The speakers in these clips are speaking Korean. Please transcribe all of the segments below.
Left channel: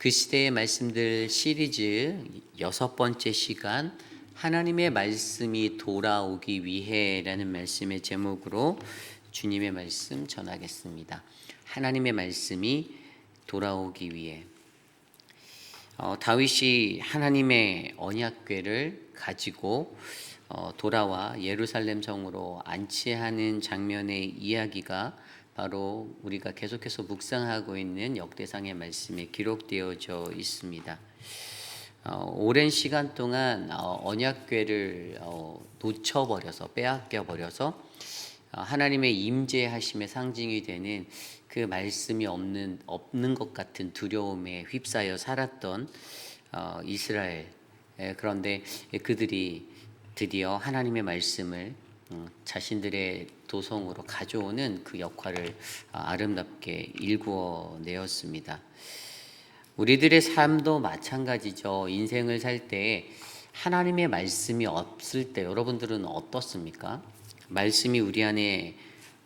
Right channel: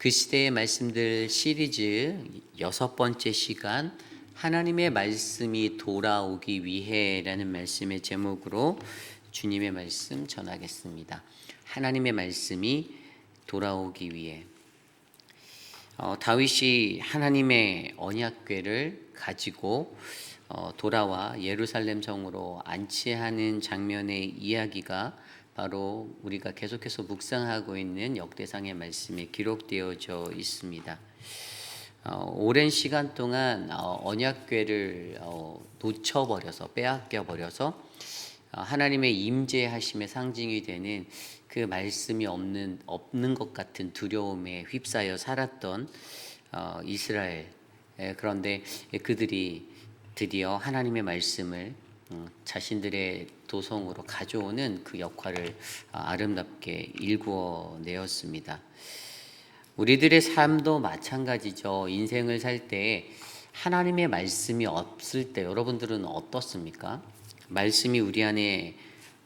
그 시대의 말씀들 시리즈 6번째 시간, 하나님의 말씀이 돌아오기 위해라는 말씀의 제목으로 주님의 말씀 전하겠습니다. 하나님의 말씀이 돌아오기 위해. 다윗이 하나님의 언약궤를 가지고 돌아와 예루살렘 성으로 안치하는 장면의 이야기가 바로 우리가 계속해서 묵상하고 있는 역대상의 말씀에 기록되어져 있습니다. 오랜 시간 동안 언약궤를 놓쳐버려서 빼앗겨버려서 하나님의 임재하심의 상징이 되는 그 말씀이 없는 것 같은 두려움에 휩싸여 살았던 이스라엘. 그런데 그들이 드디어 하나님의 말씀을 자신들의 도성으로 가져오는 그 역할을 아름답게 일구어내었습니다. 우리들의 삶도 마찬가지죠. 인생을 살 때 하나님의 말씀이 없을 때 여러분들은 어떻습니까? 말씀이 우리 안에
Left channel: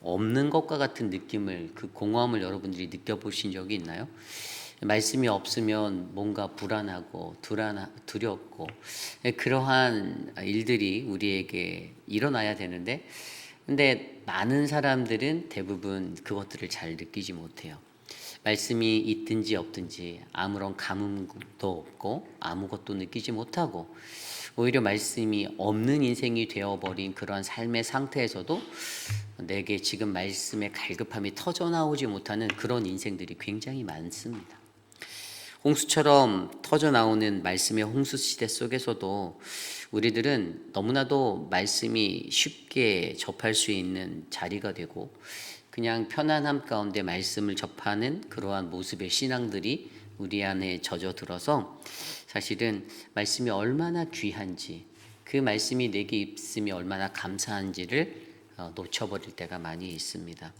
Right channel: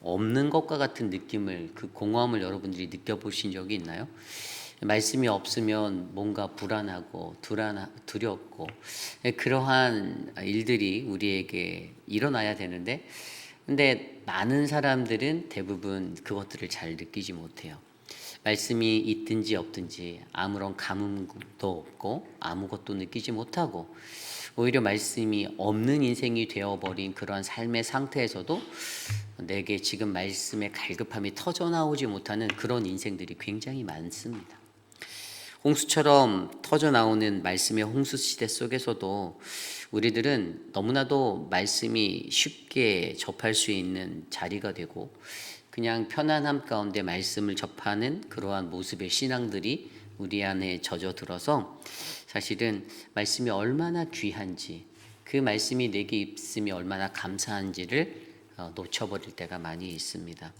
없는 것과 같은 느낌을, 그 공허함을 여러분들이 느껴보신 적이 있나요? 말씀이 없으면 뭔가 불안하고 두렵고 그러한 일들이 우리에게 일어나야 되는데, 근데 많은 사람들은 대부분 그것들을 잘 느끼지 못해요. 말씀이 있든지 없든지 아무런 감흥도 없고 아무것도 느끼지 못하고 오히려 말씀이 없는 인생이 되어버린 그런 삶의 상태에서도 내게 지금 말씀의 갈급함이 터져나오지 못하는 그런 인생들이 굉장히 많습니다. 홍수처럼 터져나오는 말씀의 홍수 시대 속에서도 우리들은 너무나도 말씀이 쉽게 접할 수 있는 자리가 되고 그냥 편안함 가운데 말씀을 접하는 그러한 모습의 신앙들이 우리 안에 젖어들어서 사실은 말씀이 얼마나 귀한지, 그 말씀이 내게 있음이 얼마나 감사한지를 놓쳐버릴 때가 많이 있습니다.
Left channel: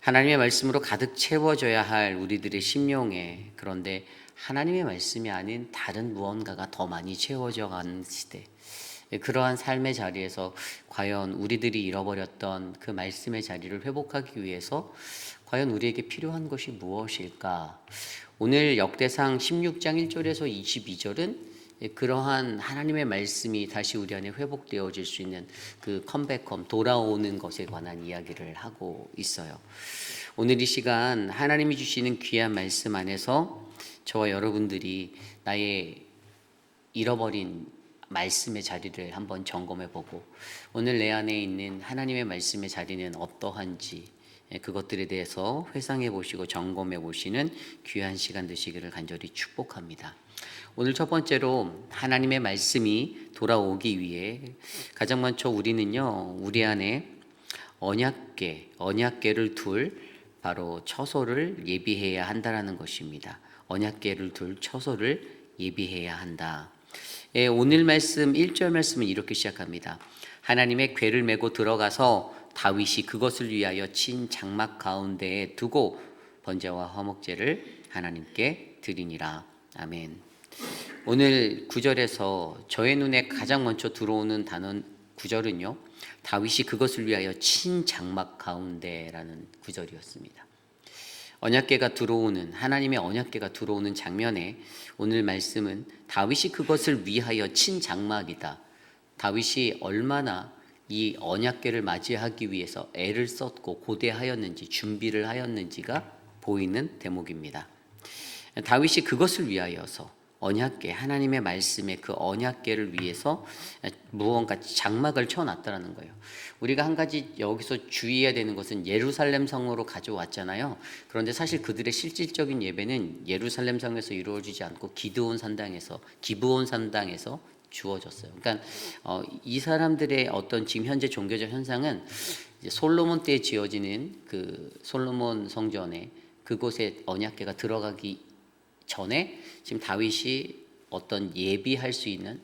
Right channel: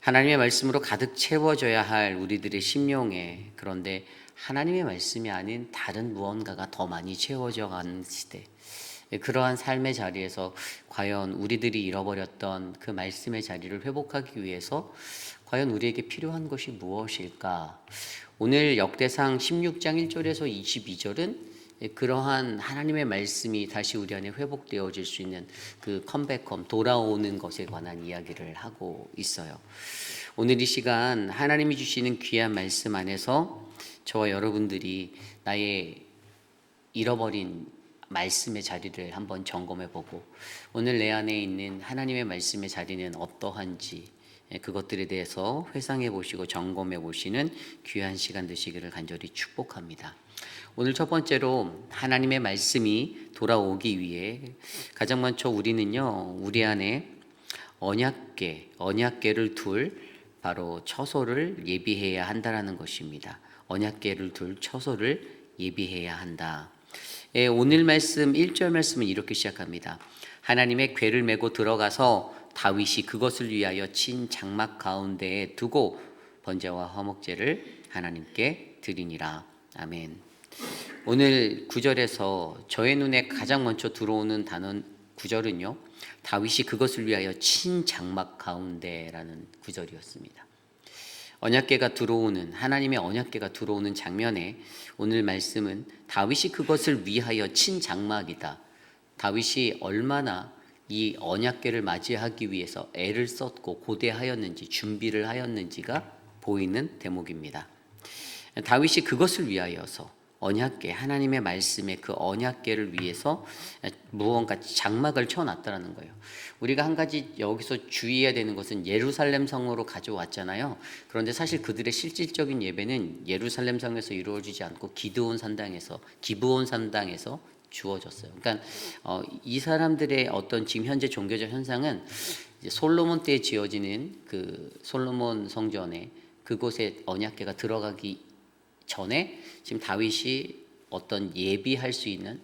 하나님의 말씀으로 가득 채워져야 할 우리들의 심령에, 그런데 하나님의 말씀이 아닌 다른 무언가가 더 많이 채워져 가는 시대, 그러한 삶의 자리에서 과연 우리들이 잃어버렸던 그 말씀의 자리를 회복하기 위해서 과연 우리에게 필요한 것이 무엇일까? 오늘 역대상 16장 1절에서 22절은 그러한 하나님의 말씀이 다시 우리 안에 회복되어질 수 있는 그 컴백홈, 돌아오는 것에 관한 이야기를 하고 있어요. 오늘 이 시간 하나님이 주시는 귀한 말씀 안에서 저와 여러분들이 나의 잃어버린 말씀의 자리를 한번 점검해보고 오늘 내 안에 있는 하나님의 말씀의 자리는 어떠한지 그것들에 대해서 회상해 보시고 점검해 보시는 귀한 시간 되시기를 간절히 축복합니다. 오늘 첫 번째로 하나님의 말씀이 돌아오기 위해 가장 먼저 우리는요, 우리 안에 언약궤를 둘 바로 처소를 예비해야 한다라는 것입니다. 언약궤를 둘 처소를 예비해야 한다. 오늘 말씀 1절 말씀은 이렇게 시작합니다. 하나님의 궤를 메고 들어가서 다윗이 그것을 위하여 친 장막 가운데에 두고 번제와 화목제를 하나님께 드리니라. 아멘. 오늘 9절에서 저의 눈에 가장 먼저 들어오는 단어 9절은요, 다윗이 그것을 위하여 친 장막 가운데라는 9절이었습니다. 언약궤가 들어오는, 하나님의 언약궤가 들어오는 장면에 오늘 말씀은 다윗이 그것을 위하여 친 장막이다. 다윗이 얼마나 이 언약궤를 맞이하기 위해서 애를 썼고 고대하였는지, 준비를 하였는지가 보이는 대목입니다. 다윗이 그것을 위하여서 언약궤, 하나님의 말씀의 그 언약궤를 위해서 무언가 장막을 쳐놨다는 거예요. 우리가 한 가지 여기서 주의해야 되는 것은 예루살렘 성으로 가져왔잖아요. 그런데 사실 그들의 실질적인 예배는 예루살렘 성에서 이루어지지 않고 기브온 산당에서 주어졌어요. 그러니까 이 사람들의 어떤 지금 현재 종교적 현상은 이제 솔로몬 때에 지어지는 그 솔로몬 성전에 그곳에 언약궤가 들어가기 전에 지금 다윗이 어떤 예비할 수 있는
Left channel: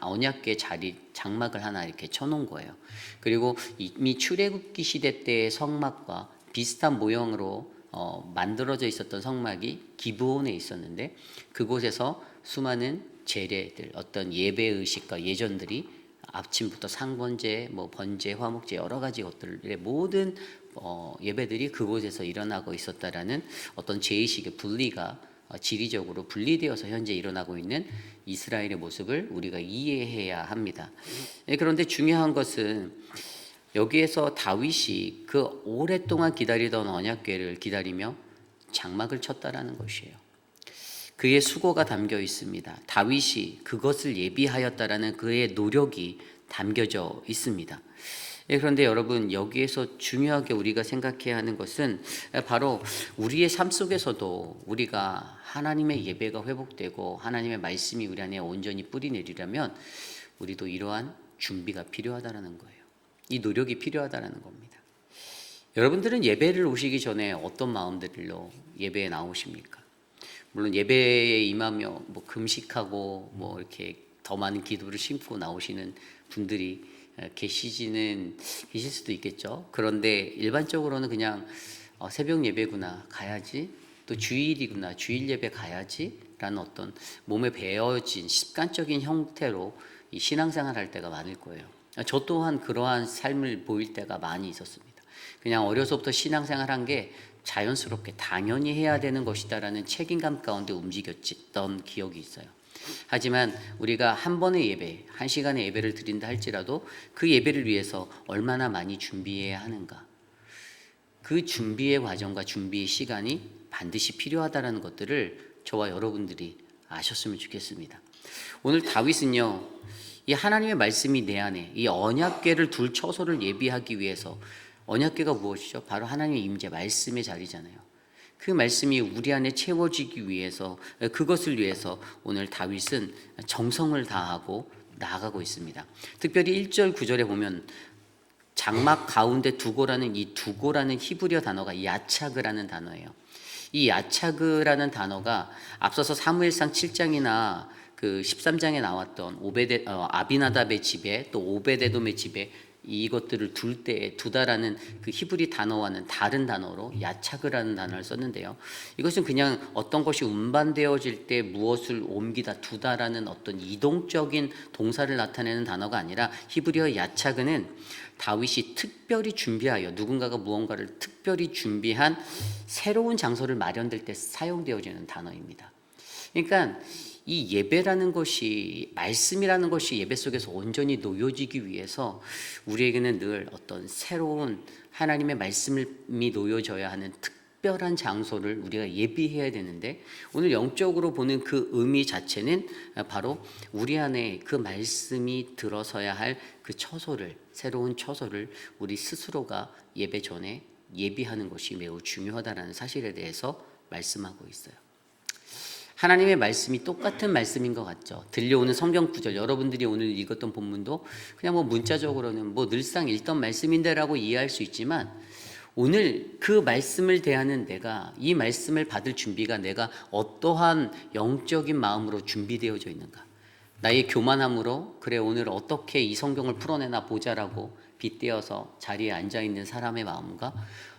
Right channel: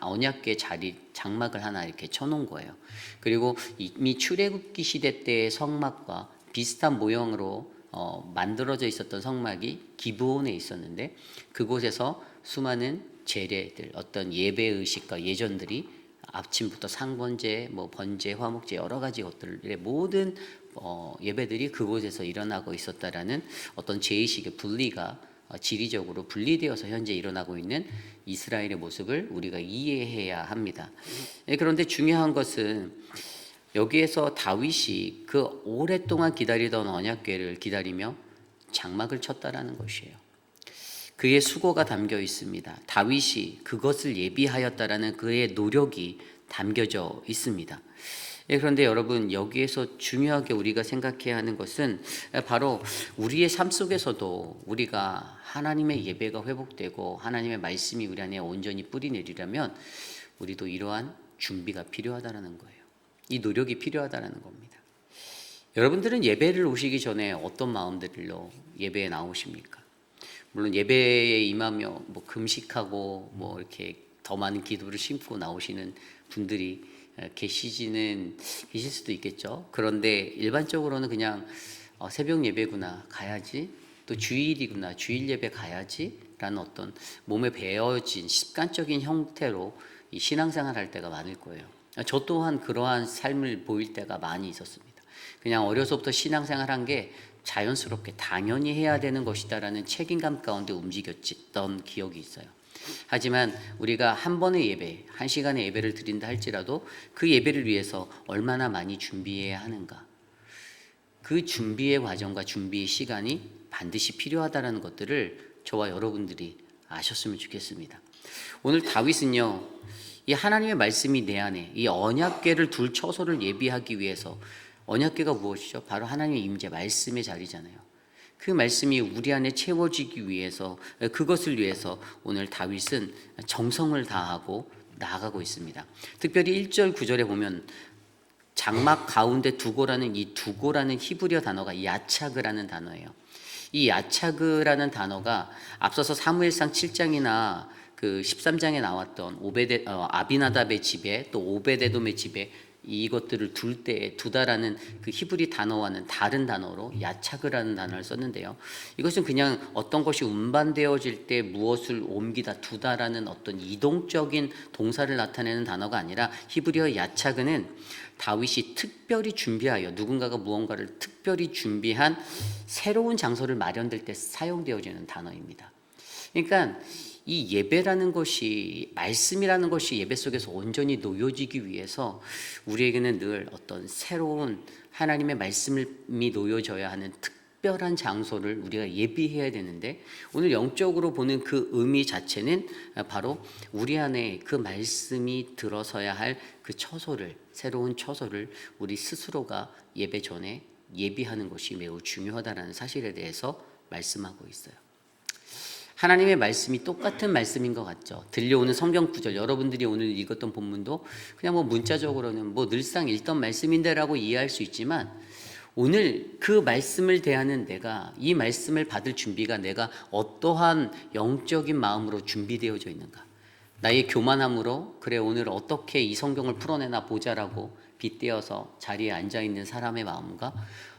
언약궤 자리 장막을 하나 이렇게 쳐놓은 거예요. 그리고 이미 출애굽기 시대 때의 성막과 비슷한 모형으로 만들어져 있었던 성막이 기브온에 있었는데 그곳에서 수많은 제례들, 어떤 예배 의식과 예전들이 아침부터 상번제, 번제, 화목제 여러 가지 것들의 모든 예배들이 그곳에서 일어나고 있었다라는 어떤 제의식의 분리가 지리적으로 분리되어서 현재 일어나고 있는 이스라엘의 모습을 우리가 이해해야 합니다. 그런데 중요한 것은 여기에서 다윗이 그 오랫동안 기다리던 언약궤를 기다리며 장막을 쳤다라는 것이에요. 그의 수고가 담겨 있습니다. 다윗이 그것을 예비하였다라는 그의 노력이 담겨져 있습니다. 그런데 여러분, 여기에서 중요하게 우리가 생각해야 하는 것은 바로 우리의 삶 속에서도 우리가 하나님의 예배가 회복되고 하나님의 말씀이 우리 안에 온전히 뿌리내리려면 우리도 이러한 준비가 필요하다는 거예요. 이 노력이 필요하다는 겁니다. 여러분들은 예배를 오시기 전에 어떤 마음들로 예배에 나오십니까? 물론 예배에 임하며 금식하고 이렇게 더 많은 기도를 심고 나오시는 분들이 계실 수도 있겠죠. 그런데 일반적으로는 그냥 새벽 예배구나 가야지, 또 주일이구나 주일 예배 가야지 라는 어떤 몸에 배어진 습관적인 형태로 이 신앙생활 할 때가 많을 거예요. 저 또한 그러한 삶을 보일 때가 많이 있었습니다. 그냥 어려서부터 신앙생활한 게 자연스럽게 당연히 해야 되는 것이다라는 책임감 가운데 움직였던 기억이 있어요. 하지만 우리가 한 번의 예배, 한 시간의 예배를 드린다 할지라도 그 예배를 위해서 얼마나 많이 준비해야 하는가, 그 준비의 과정과 준비의 시간이 반드시 필요하다는 것들을 저와 여러분들이 아셨으면 좋겠습니다. 오늘 다윗은요, 이 하나님의 말씀이 내 안에 이 언약궤를 둘 처소를 예비하기 위해서, 언약궤가 무엇이죠? 바로 하나님의 임재, 말씀의 자리잖아요. 그 말씀이 우리 안에 채워지기 위해서, 그것을 위해서 오늘 다윗은 정성을 다하고 나아가고 있습니다. 특별히 1절 9절에 보면 장막 가운데 두고라는 이 두고라는 히브리어 단어가 야차그라는 단어예요. 이 야차그라는 단어가 앞서서 사무엘상 7장이나 그 13장에 나왔던 아비나답의 집에 또 오베데돔의 집에 이것들을 둘 때에 두다라는 그 히브리 단어와는 다른 단어로 야차그라는 단어를 썼는데요. 이것은 그냥 어떤 것이 운반되어질 때 무엇을 옮기다 두다라는 어떤 이동적인 동사를 나타내는 단어가 아니라 히브리어 야차그는 다윗이 특별히 준비하여, 누군가가 무언가를 특별히 준비한 새로운 장소를 마련될 때 사용되어지는 단어입니다. 그러니까 이 예배라는 것이, 말씀이라는 것이 예배 속에서 온전히 놓여지기 위해서 우리에게는 늘 어떤 새로운 하나님의 말씀이 놓여져야 하는 특별한 장소를 우리가 예비해야 되는데, 오늘 영적으로 보는 그 의미 자체는 바로 우리 안에 그 말씀이 들어서야 할 그 처소를, 새로운 처소를 우리 스스로가 예배 전에 예비하는 것이 매우 중요하다는 사실에 대해서 말씀하고 있어요. 하나님의 말씀이 똑같은 말씀인 것 같죠. 들려오는 성경 구절, 여러분들이 오늘 읽었던 본문도 그냥 문자적으로는 늘상 읽던 말씀인데라고 이해할 수 있지만, 오늘 그 말씀을 대하는 내가, 이 말씀을 받을 준비가 내가 어떠한 영적인 마음으로 준비되어져 있는가, 나의 교만함으로 그래 오늘 어떻게 이 성경을 풀어내나 보자라고 빗대어서 자리에 앉아있는 사람의 마음과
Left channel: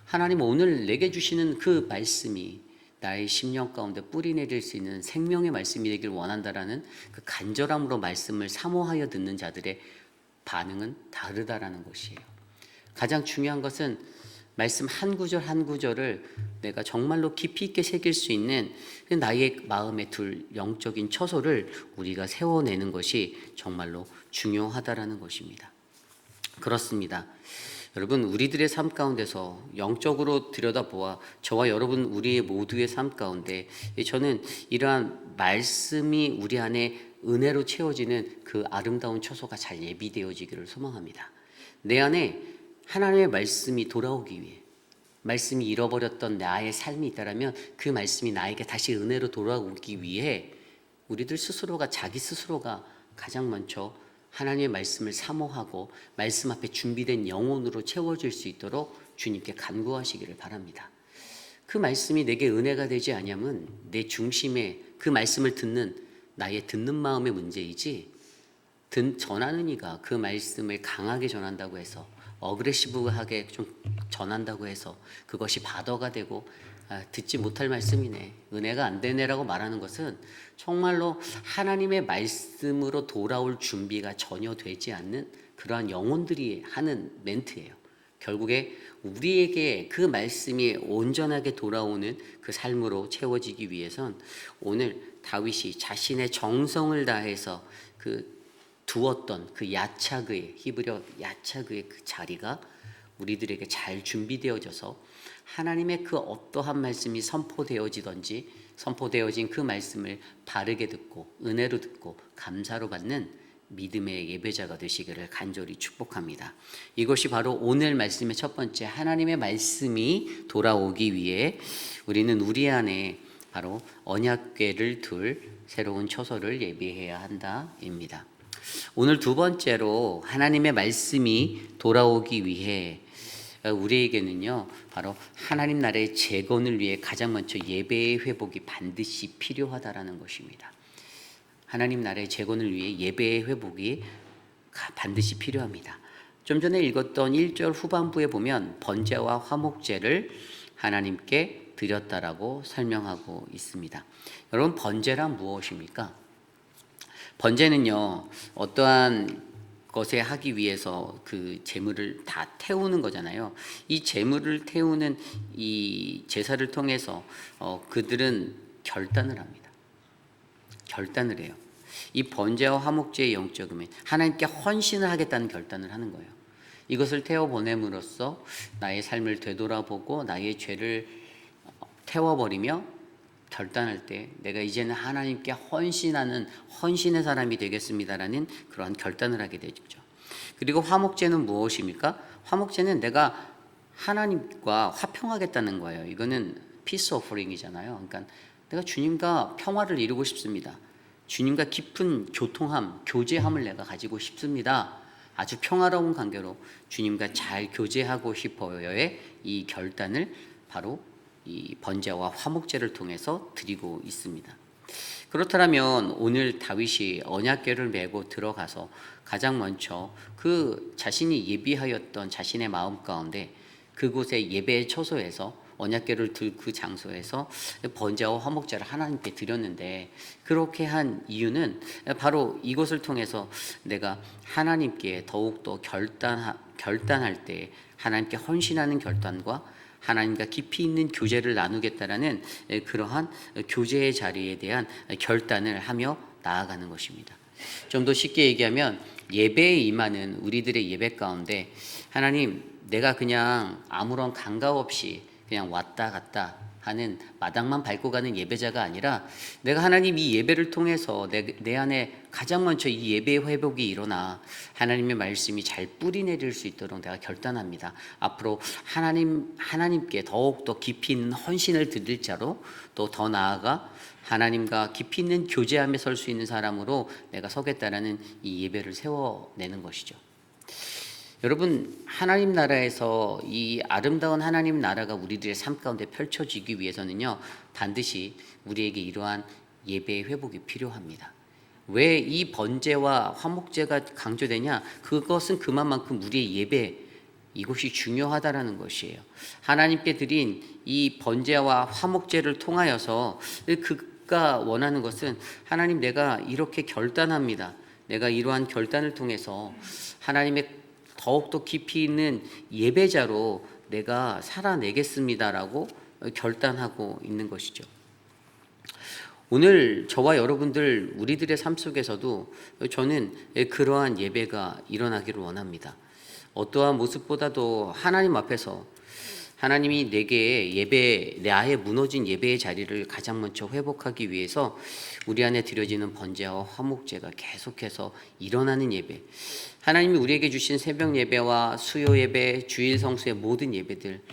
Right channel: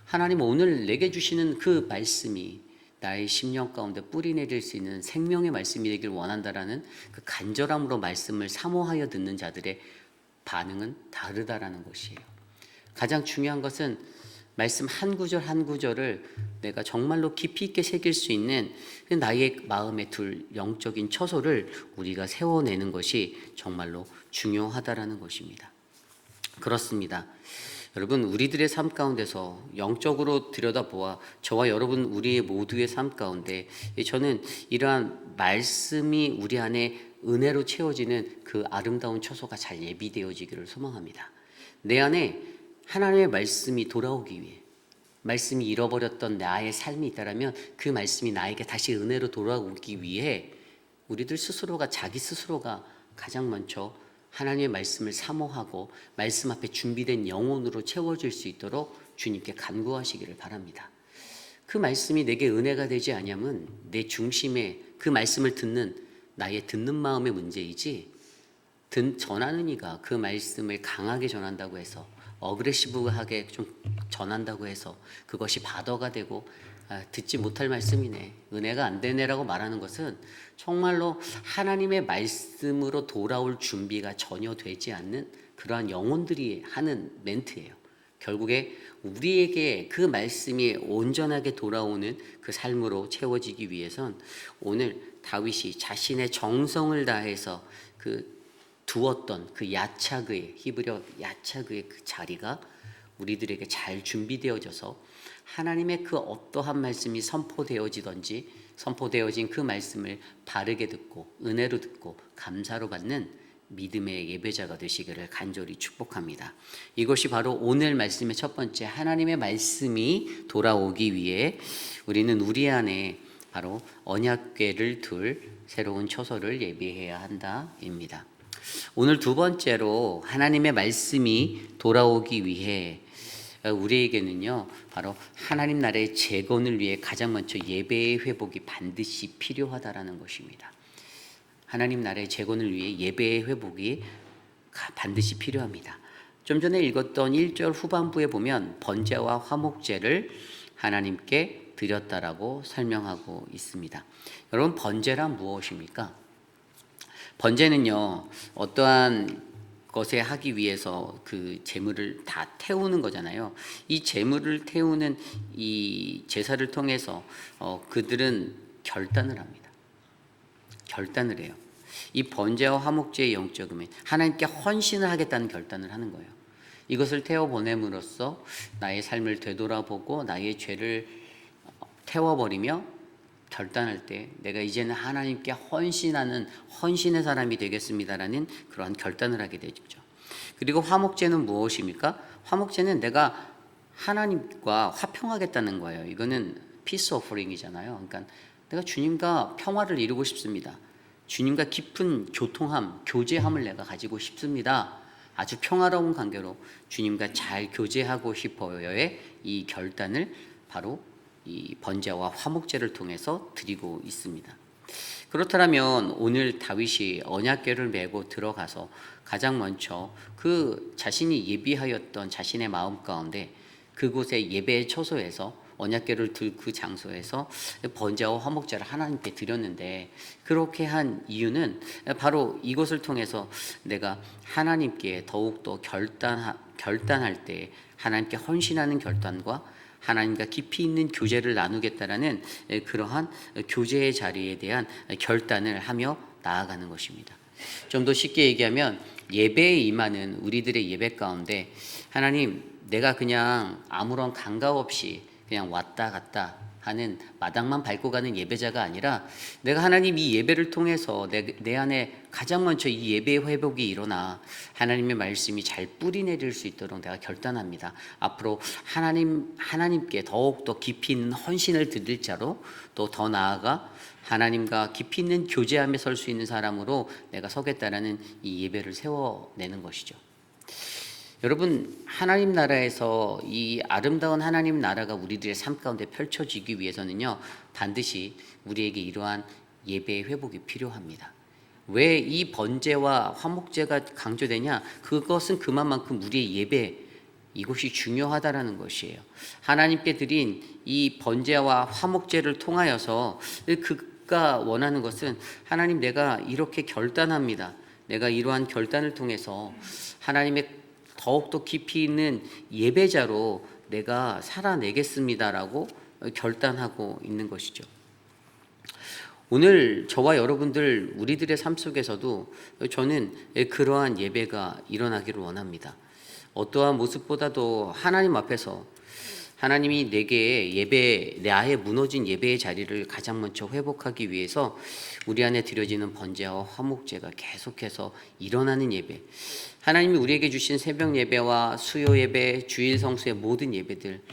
하나님 오늘 내게 주시는 그 말씀이 나의 심령 가운데 뿌리내릴 수 있는 생명의 말씀이 되길 원한다라는 그 간절함으로 말씀을 사모하여 듣는 자들의 반응은 다르다라는 것이에요. 가장 중요한 것은 말씀 한 구절 한 구절을 내가 정말로 깊이 있게 새길 수 있는 나의 마음에 둘 영적인 처소를 우리가 세워내는 것이 정말로 중요하다라는 것입니다. 그렇습니다. 여러분, 우리들의 삶 가운데서 영적으로 들여다보아 저와 여러분 우리의 모두의 삶 가운데 저는 이러한 말씀이 우리 안에 은혜로 채워지는 그 아름다운 처소가 잘 예비되어지기를 소망합니다. 내 안에 하나님의 말씀이 돌아오기 위해, 말씀이 잃어버렸던 나의 삶이 있다면 그 말씀이 나에게 다시 은혜로 돌아오기 위해 우리들 스스로가, 자기 스스로가 가장 먼저 하나님의 말씀을 사모하고 말씀 앞에 준비된 영혼으로 채워질 수 있도록 주님께 간구하시기를 바랍니다. 그 말씀이 내게 은혜가 되지 않으면 내 중심에 그 말씀을 듣는 나의 듣는 마음의 문제이지, 전하는 이가 그 말씀을 강하게 전한다고 해서, 어그레시브하게 좀 전한다고 해서 그것이 바더가 되고 듣지 못할 말씀이네, 은혜가 안 되네라고 말하는 것은 정말로 하나님의 말씀으로 돌아올 준비가 전혀 되지 않는 그러한 영혼들이 하는 멘트예요. 결국에 우리에게 그 말씀이 온전하게 돌아오는 그 삶으로 채워지기 위해선 오늘 다윗이 자신의 정성을 다해서 두었던 그 야차그의, 히브리어 야차그의 그 자리가 우리들에게 잘 준비되어져서 하나님의 그 어떠한 말씀이 선포되어진 그 말씀을 바르게 듣고 은혜로 듣고 감사로 받는 믿음의 예배자가 되시기를 간절히 축복합니다. 이것이 바로 오늘 말씀의 첫 번째, 하나님의 말씀이 돌아오기 위해 우리는 우리 안에 바로 언약궤를 둘 새로운 처소를 예비해야 한다입니다. 오늘 두 번째로 하나님의 말씀이 돌아오기 위해 우리에게는요 바로 하나님 나라의 재건을 위해 가장 먼저 예배의 회복이 반드시 필요하다라는 것입니다. 하나님 나라의 재건을 위해 예배의 회복이 반드시 필요합니다. 좀 전에 읽었던 1절 후반부에 보면 번제와 화목제를 하나님께 드렸다라고 설명하고 있습니다. 여러분, 번제란 무엇입니까? 번제는요 어떠한 것에 하기 위해서 그 제물을 다 태우는 거잖아요. 이 제물을 태우는 이 제사를 통해서 그들은 결단을 합니다. 결단을 해요. 이 번제와 화목제의 영적음은 하나님께 헌신을 하겠다는 결단을 하는 거예요. 이것을 태워 보냄으로써 나의 삶을 되돌아보고 나의 죄를 태워버리며 결단할 때 내가 이제는 하나님께 헌신의 사람이 되겠습니다라는 그러한 결단을 하게 되죠. 그리고 화목제는 무엇입니까? 화목제는 내가 하나님과 화평하겠다는 거예요. 이거는 피스 오퍼링이잖아요. 그러니까 내가 주님과 평화를 이루고 싶습니다. 주님과 깊은 교제함을 내가 가지고 싶습니다. 아주 평화로운 관계로 주님과 잘 교제하고 싶어요의 이 결단을 바로 이 번제와 화목제를 통해서 드리고 있습니다. 그렇다면 오늘 다윗이 언약궤를 메고 들어가서 가장 먼저 그 자신이 예비하였던 자신의 마음 가운데 그곳의 예배의 처소에서 언약궤를 들 그 장소에서 번제와 화목제를 하나님께 드렸는데, 그렇게 한 이유는 바로 이것을 통해서 내가 하나님께 더욱더 결단할 때 하나님께 헌신하는 결단과 하나님과 깊이 있는 교제를 나누겠다라는 그러한 교제의 자리에 대한 결단을 하며 나아가는 것입니다. 좀 더 쉽게 얘기하면 예배에 임하는 우리들의 예배 가운데 하나님, 내가 그냥 아무런 감각 없이 그냥 왔다 갔다 하는 마당만 밟고 가는 예배자가 아니라 내가 하나님 이 예배를 통해서 내 안에 가장 먼저 이 예배의 회복이 일어나 하나님의 말씀이 잘 뿌리 내릴 수 있도록 내가 결단합니다. 앞으로 하나님께 더욱더 깊이 있는 헌신을 드릴 자로, 또 더 나아가 하나님과 깊이 있는 교제함에 설 수 있는 사람으로 내가 서겠다라는 이 예배를 세워내는 것이죠. 여러분, 하나님 나라에서 이 아름다운 하나님 나라가 우리들의 삶 가운데 펼쳐지기 위해서는요 반드시 우리에게 이러한 예배의 회복이 필요합니다. 왜 이 번제와 화목제가 강조되냐? 그것은 그만큼 우리의 예배, 이것이 중요하다라는 것이에요. 하나님께 드린 이 번제와 화목제를 통하여서 그가 원하는 것은 하나님, 내가 이렇게 결단합니다. 내가 이러한 결단을 통해서 하나님의 더욱더 깊이 있는 예배자로 내가 살아내겠습니다라고 결단하고 있는 것이죠. 오늘 저와 여러분들 우리들의 삶 속에서도 저는 그러한 예배가 일어나기를 원합니다. 어떠한 모습보다도 하나님 앞에서 하나님이 내게 나의 무너진 예배의 자리를 가장 먼저 회복하기 위해서 우리 안에 드려지는 번제와 화목제가 계속해서 일어나는 예배, 하나님이 우리에게 주신 새벽 예배와 수요 예배, 주일 성수의 모든 예배들,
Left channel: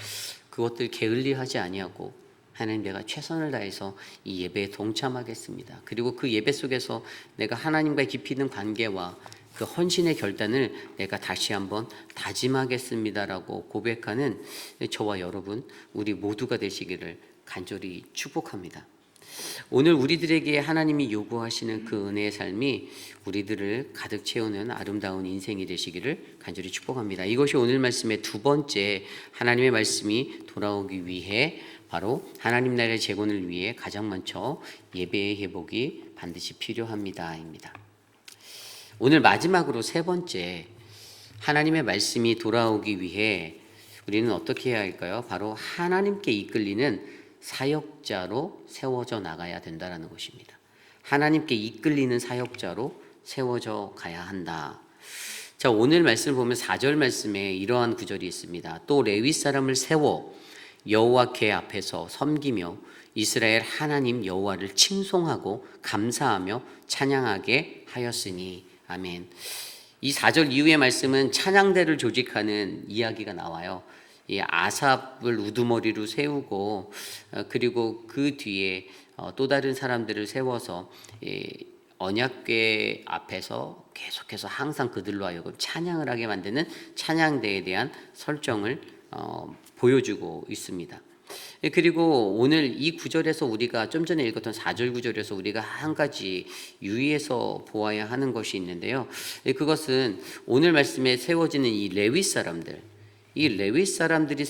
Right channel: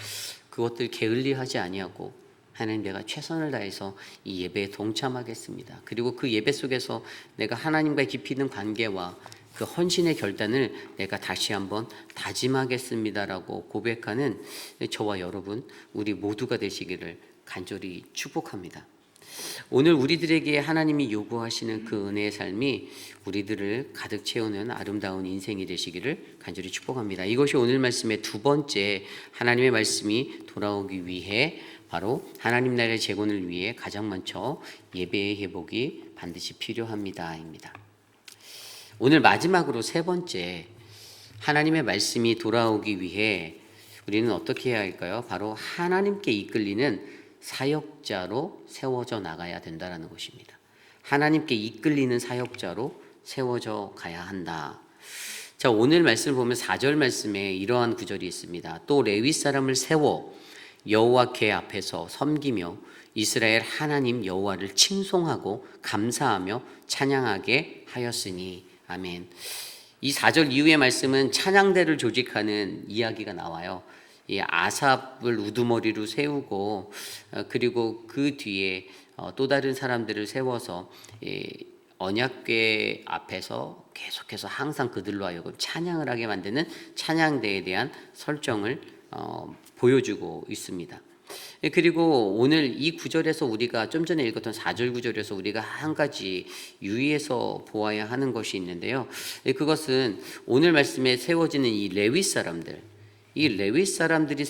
그것들 게을리하지 아니하고 하나님, 내가 최선을 다해서 이 예배에 동참하겠습니다. 그리고 그 예배 속에서 내가 하나님과 깊이 있는 관계와 그 헌신의 결단을 내가 다시 한번 다짐하겠습니다라고 고백하는 저와 여러분, 우리 모두가 되시기를 간절히 축복합니다. 오늘 우리들에게 하나님이 요구하시는 그 은혜의 삶이 우리들을 가득 채우는 아름다운 인생이 되시기를 간절히 축복합니다. 이것이 오늘 말씀의 두 번째, 하나님의 말씀이 돌아오기 위해 바로 하나님 나라의 재건을 위해 가장 먼저 예배의 회복이 반드시 필요합니다입니다. 오늘 마지막으로 세 번째, 하나님의 말씀이 돌아오기 위해 우리는 어떻게 해야 할까요? 바로 하나님께 이끌리는 사역자로 세워져 나가야 된다라는 것입니다. 하나님께 이끌리는 사역자로 세워져 가야 한다. 자, 오늘 말씀을 보면 4절 말씀에 이러한 구절이 있습니다. 또 레위 사람을 세워 여호와께 앞에서 섬기며 이스라엘 하나님 여호와를 칭송하고 감사하며 찬양하게 하였으니. 아멘. 이 4절 이후의 말씀은 찬양대를 조직하는 이야기가 나와요. 이 아삽을 우두머리로 세우고 그리고 그 뒤에 또 다른 사람들을 세워서 언약궤 앞에서 계속해서 항상 그들로 하여금 찬양을 하게 만드는 찬양대에 대한 설정을 보여주고 있습니다. 그리고 오늘 이 구절에서 우리가 좀 전에 읽었던 4절 구절에서 우리가 한 가지 유의해서 보아야 하는 것이 있는데요. 그것은 오늘 말씀에 세워지는 이 레위 사람들, 이 레위 사람들이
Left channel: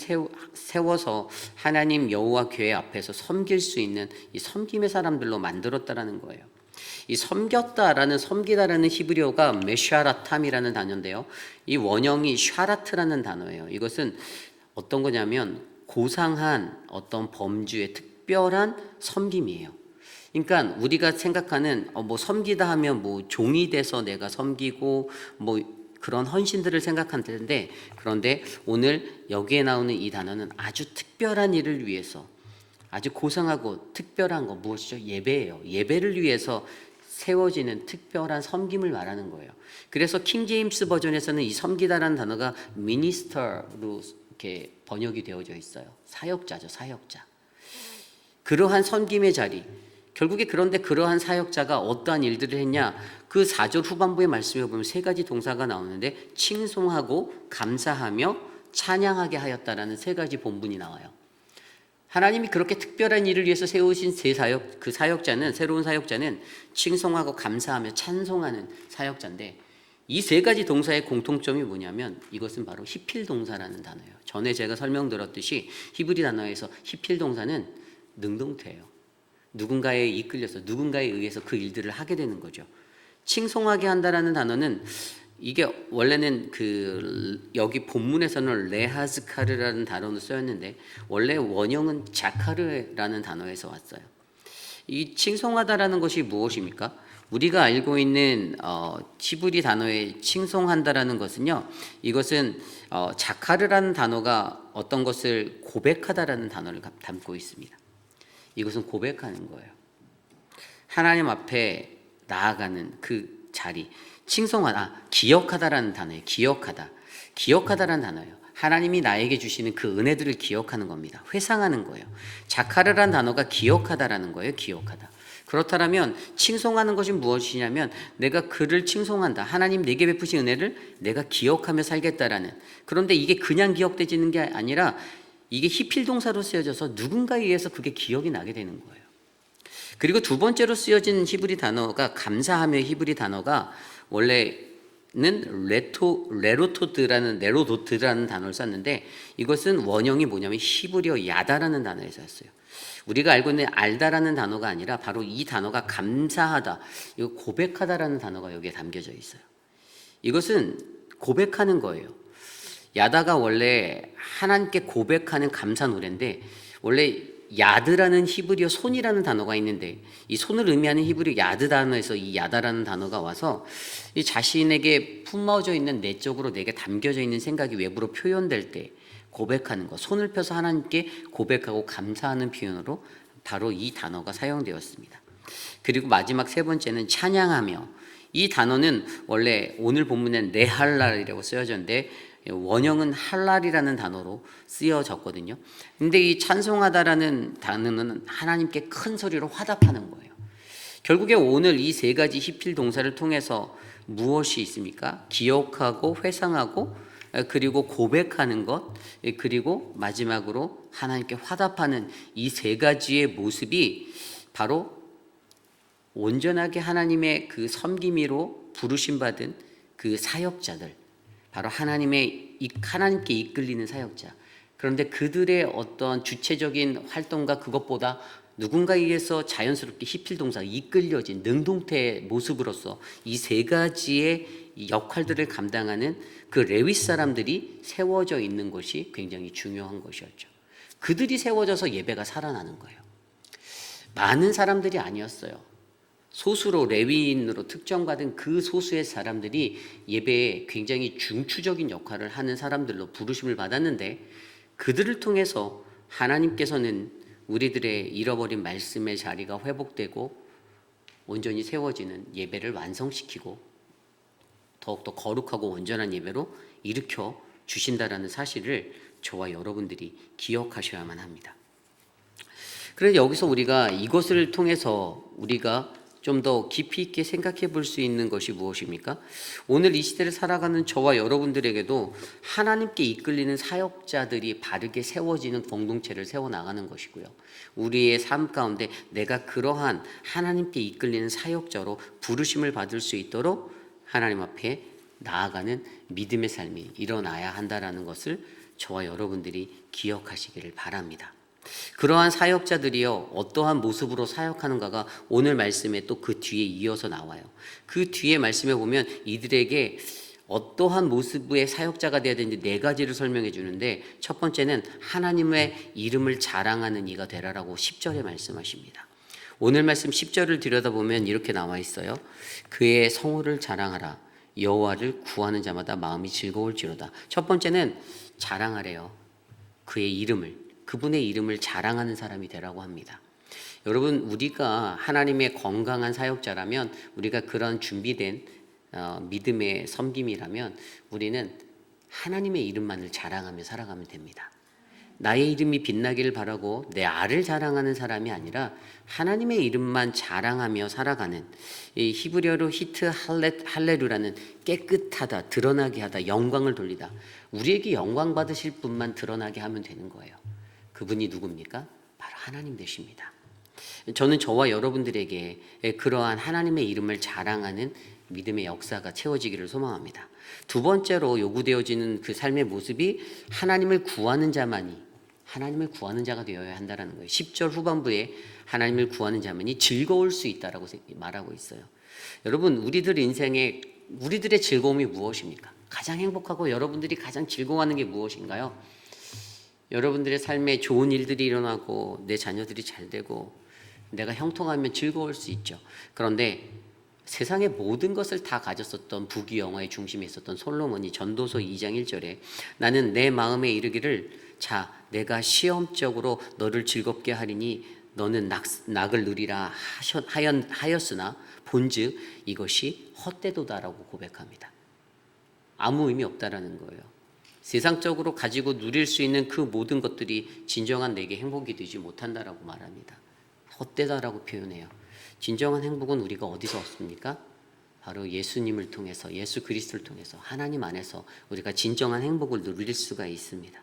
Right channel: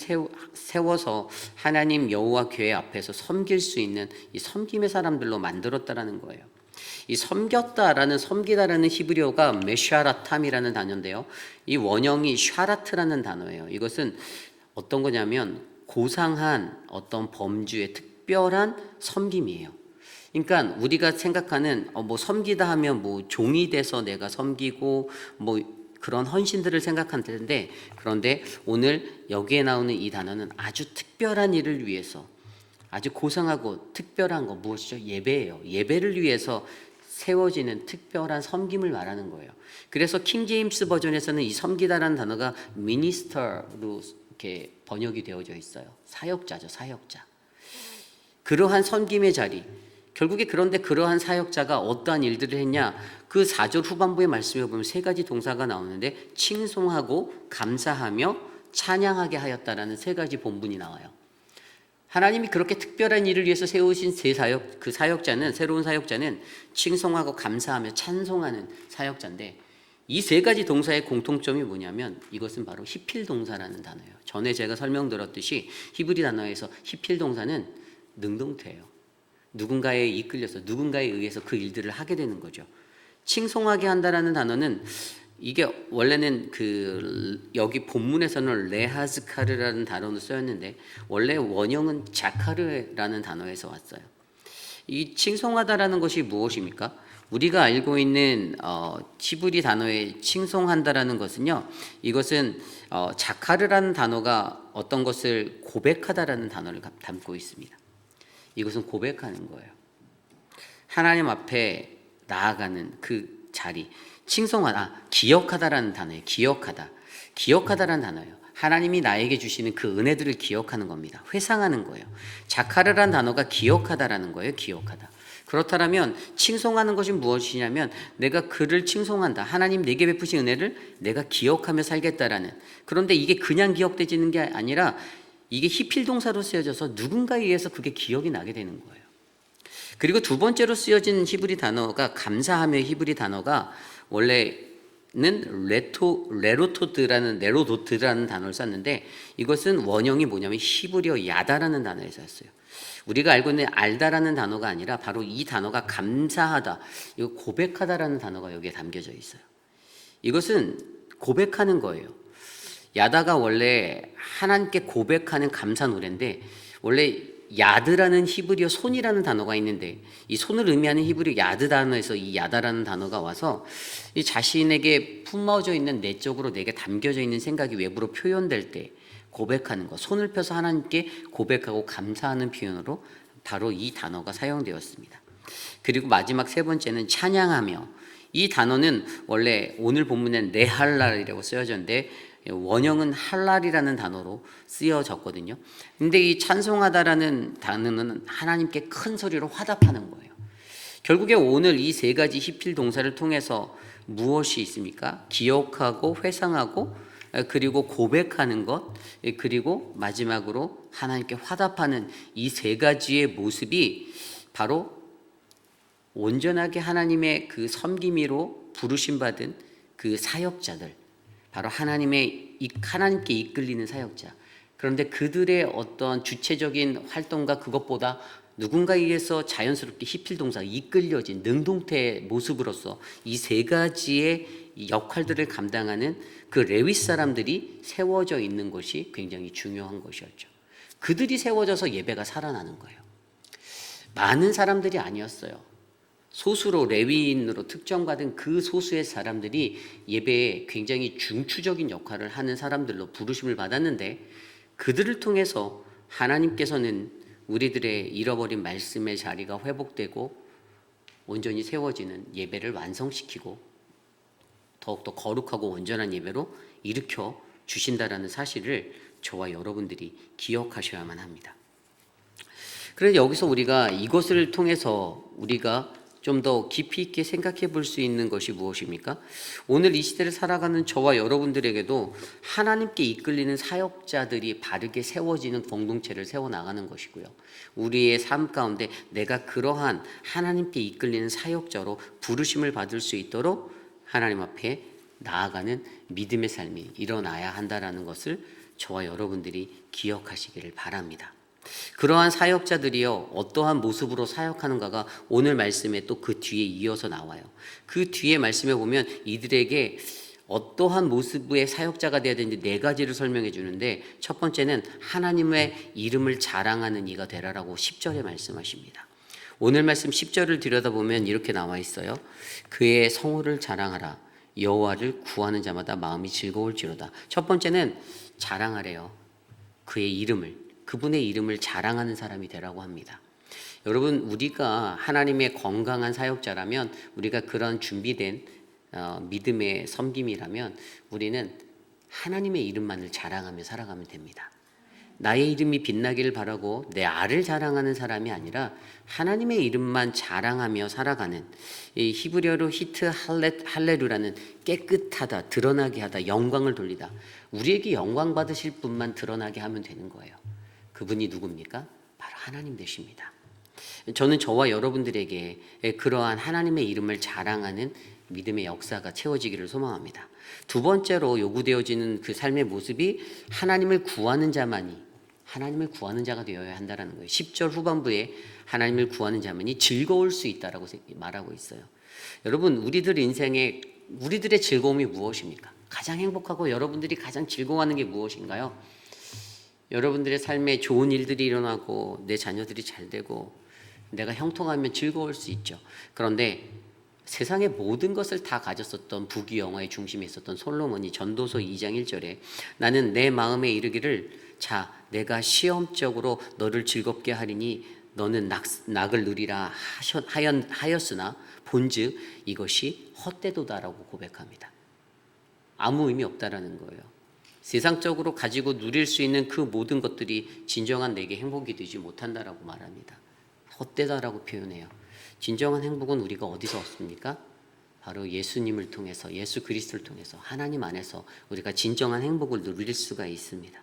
세워서 하나님 여호와 궤 앞에서 섬길 수 있는 이 섬김의 사람들로 만들었다라는 거예요. 이 섬겼다라는 섬기다라는 히브리어가 메샤라탐이라는 단어인데요. 이 원형이 샤라트라는 단어예요. 이것은 어떤 거냐면 고상한 어떤 범주의 특별한 섬김이에요. 그러니까 우리가 생각하는 뭐 섬기다 하면 뭐 종이 돼서 내가 섬기고 뭐 그런 헌신들을 생각하는데, 그런데 오늘 여기에 나오는 이 단어는 아주 특별한 일을 위해서 아주 고상하고 특별한 거 무엇이죠? 예배예요. 예배를 위해서 세워지는 특별한 섬김을 말하는 거예요. 그래서 킹 제임스 버전에서는 이 섬기다라는 단어가 미니스터로 이렇게 번역이 되어져 있어요. 사역자죠, 사역자. 그러한 섬김의 자리. 결국에 그런데 그러한 사역자가 어떠한 일들을 했냐? 그 4절 후반부의 말씀에 보면 세 가지 동사가 나오는데 칭송하고 감사하며 찬양하게 하였다라는 세 가지 본문이 나와요. 하나님이 그렇게 특별한 일을 위해서 세우신 그 사역자는, 새로운 사역자는 칭송하고 감사하며 찬송하는 사역자인데, 이 세 가지 동사의 공통점이 뭐냐면 이것은 바로 히필 동사라는 단어예요. 전에 제가 설명드렸듯이 히브리 단어에서 히필 동사는 능동태예요. 누군가에 이끌려서 누군가에 의해서 그 일들을 하게 되는 거죠. 칭송하게 한다라는 단어는 이게 원래는 여기 본문에서는 레하즈카르라는 단어로 쓰였는데 원래 원형은 자카르라는 단어에서 왔어요. 이 칭송하다라는 것이 무엇입니까? 우리가 알고 있는 히브리 단어의 칭송한다라는 것은요, 이것은 자카르라는 단어가 어떤 것을 고백하다라는 단어를 담고 있습니다. 이것은 고백하는 거예요. 하나님 앞에 나아가는 그 자리. 기억하다라는 단어예요. 기억하다라는 단어예요. 하나님이 나에게 주시는 그 은혜들을 기억하는 겁니다. 회상하는 거예요. 자카르라는 단어가 기억하다라는 거예요. 기억하다. 그렇다면 칭송하는 것이 무엇이냐면 내가 그를 칭송한다. 하나님 내게 베푸신 은혜를 내가 기억하며 살겠다라는. 그런데 이게 그냥 기억되지는 게 아니라 이게 히필 동사로 쓰여져서 누군가에 의해서 그게 기억이 나게 되는 거예요. 그리고 두 번째로 쓰여진 히브리 단어가 감사하며 히브리 단어가 원래는 레로도트라는 단어를 썼는데 이것은 원형이 뭐냐면 히브리어 야다라는 단어에서 였어요. 우리가 알고 있는 알다라는 단어가 아니라 바로 이 단어가 감사하다, 이거 고백하다라는 단어가 여기에 담겨져 있어요. 이것은 고백하는 거예요. 야다가 원래 하나님께 고백하는 감사 노래인데 원래 야드라는 히브리어 손이라는 단어가 있는데 이 손을 의미하는 히브리어 야드 단어에서 이 야다라는 단어가 와서 이 자신에게 품어져 있는 내적으로 내게 담겨져 있는 생각이 외부로 표현될 때 고백하는 것, 손을 펴서 하나님께 고백하고 감사하는 표현으로 바로 이 단어가 사용되었습니다. 그리고 마지막 세 번째는 찬양하며. 이 단어는 원래 오늘 본문엔 네할랄이라고 쓰여졌는데 원형은 할랄이라는 단어로 쓰여졌거든요. 근데 이 찬송하다라는 단어는 하나님께 큰 소리로 화답하는 거예요. 결국에 오늘 이 세 가지 히필 동사를 통해서 무엇이 있습니까? 기억하고 회상하고 그리고 고백하는 것, 그리고 마지막으로 하나님께 화답하는 이 세 가지의 모습이 바로 온전하게 하나님의 그 섬김이로 부르심 받은 그 사역자들, 바로 하나님께 이끌리는 사역자. 그런데 그들의 어떤 주체적인 활동과 그것보다 누군가에 의해서 자연스럽게 히필 동사, 이끌려진 능동태의 모습으로서 이 세 가지의 이 역할들을 감당하는 그 레위 사람들이 세워져 있는 것이 굉장히 중요한 것이었죠. 그들이 세워져서 예배가 살아나는 거예요. 많은 사람들이 아니었어요. 소수로 레위인으로 특정받은 그 소수의 사람들이 예배에 굉장히 중추적인 역할을 하는 사람들로 부르심을 받았는데, 그들을 통해서 하나님께서는 우리들의 잃어버린 말씀의 자리가 회복되고 온전히 세워지는 예배를 완성시키고 더욱더 거룩하고 온전한 예배로 일으켜 주신다라는 사실을 저와 여러분들이 기억하셔야만 합니다. 그래서 여기서 우리가 이것을 통해서 우리가 좀 더 깊이 있게 생각해 볼 수 있는 것이 무엇입니까? 오늘 이 시대를 살아가는 저와 여러분들에게도 하나님께 이끌리는 사역자들이 바르게 세워지는 공동체를 세워나가는 것이고요. 우리의 삶 가운데 내가 그러한 하나님께 이끌리는 사역자로 부르심을 받을 수 있도록 하나님 앞에 나아가는 믿음의 삶이 일어나야 한다는 것을 저와 여러분들이 기억하시기를 바랍니다. 그러한 사역자들이요, 어떠한 모습으로 사역하는가가 오늘 말씀에 또 그 뒤에 이어서 나와요. 그 뒤에 말씀에 보면 이들에게 어떠한 모습의 사역자가 되어야 되는지 네 가지를 설명해 주는데, 첫 번째는 하나님의 이름을 자랑하는 이가 되라라고 10절에 말씀하십니다. 오늘 말씀 10절을 들여다보면 이렇게 나와 있어요. 그의 성호를 자랑하라. 여호와를 구하는 자마다 마음이 즐거울지로다. 첫 번째는 자랑하래요. 그의 이름을, 그분의 이름을 자랑하는 사람이 되라고 합니다. 여러분, 우리가 하나님의 건강한 사역자라면, 우리가 그런 준비된 믿음의 섬김이라면 우리는 하나님의 이름만을 자랑하며 살아가면 됩니다. 나의 이름이 빛나기를 바라고 내 알을 자랑하는 사람이 아니라 하나님의 이름만 자랑하며 살아가는, 이 히브리어로 히트 할레루라는 깨끗하다, 드러나게 하다, 영광을 돌리다, 우리에게 영광 받으실 분만 드러나게 하면 되는 거예요. 그분이 누굽니까? 바로 하나님 되십니다. 저는 저와 여러분들에게 그러한 하나님의 이름을 자랑하는 믿음의 역사가 채워지기를 소망합니다. 두 번째로 요구되어지는 그 삶의 모습이 하나님을 구하는 자만이, 하나님을 구하는 자가 되어야 한다는 거예요. 10절 후반부에 하나님을 구하는 자만이 즐거울 수 있다라고 말하고 있어요. 여러분, 우리들 인생에 우리들의 즐거움이 무엇입니까? 가장 행복하고 여러분들이 가장 즐거워하는 게 무엇인가요? 여러분들의 삶에 좋은 일들이 일어나고 내 자녀들이 잘 되고 내가 형통하면 즐거울 수 있죠. 그런데 세상의 모든 것을 다 가졌었던 부귀영화의 중심에 있었던 솔로몬이 전도서 2장 1절에 나는 내 마음에 이르기를 자 내가 시험적으로 너를 즐겁게 하리니 너는 낙을 누리라 하였으나 본즉 이것이 헛되도다라고 고백합니다. 아무 의미 없다라는 거예요. 세상적으로 가지고 누릴 수 있는 그 모든 것들이 진정한 내게 행복이 되지 못한다라고 말합니다. 헛되다라고 표현해요. 진정한 행복은 우리가 어디서 얻습니까? 바로 예수님을 통해서, 예수 그리스도를 통해서 하나님 안에서 우리가 진정한 행복을 누릴 수가 있습니다.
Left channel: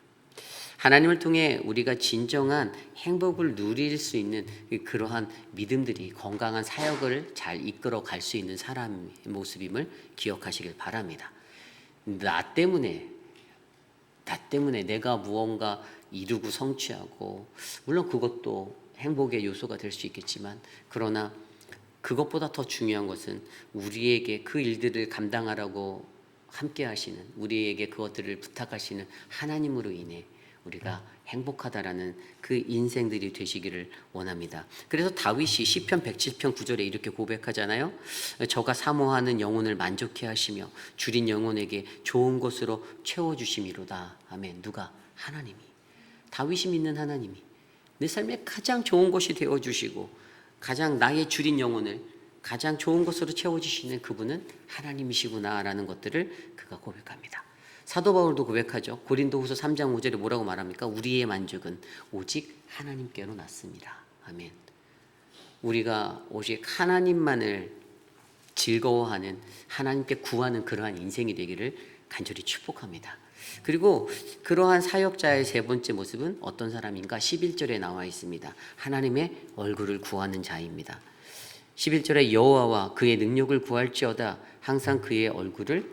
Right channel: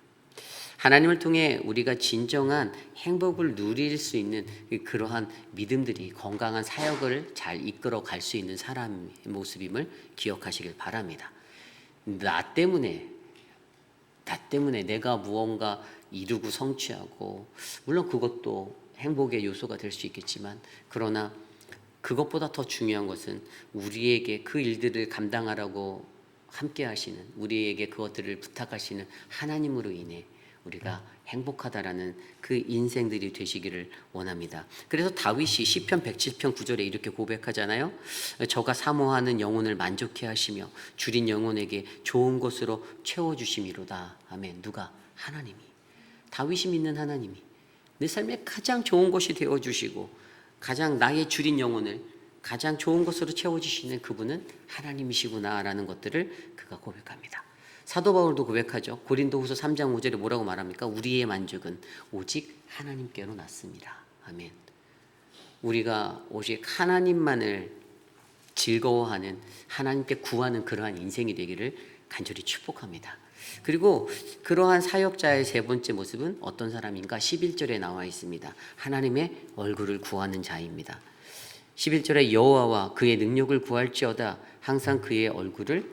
하나님을 통해 우리가 진정한 행복을 누릴 수 있는 그러한 믿음들이 건강한 사역을 잘 이끌어 갈 수 있는 사람의 모습임을 기억하시길 바랍니다. 나 때문에 내가 무언가 이루고 성취하고, 물론 그것도 행복의 요소가 될 수 있겠지만, 그러나 그것보다 더 중요한 것은 우리에게 그 일들을 감당하라고 함께 하시는, 우리에게 그것들을 부탁하시는 하나님으로 인해 우리가 행복하다라는 그 인생들이 되시기를 원합니다. 그래서 다윗이 시편 107편 9절에 이렇게 고백하잖아요. 저가 사모하는 영혼을 만족해 하시며 줄인 영혼에게 좋은 것으로 채워주심이로다. 아멘. 누가? 하나님이. 다윗이 믿는 하나님이 내 삶에 가장 좋은 것이 되어주시고 가장 나의 줄인 영혼을 가장 좋은 것으로 채워주시는 그분은 하나님이시구나라는 것들을 그가 고백합니다. 사도 바울도 고백하죠. 고린도후서 3장 5절에 뭐라고 말합니까? 우리의 만족은 오직 하나님께로 났습니다. 아멘. 우리가 오직 하나님만을 즐거워하는, 하나님께 구하는 그러한 인생이 되기를 간절히 축복합니다. 그리고 그러한 사역자의 세 번째 모습은 어떤 사람인가? 11절에 나와 있습니다. 하나님의 얼굴을 구하는 자입니다. 11절에 여호와와 그의 능력을 구할지어다 항상 그의 얼굴을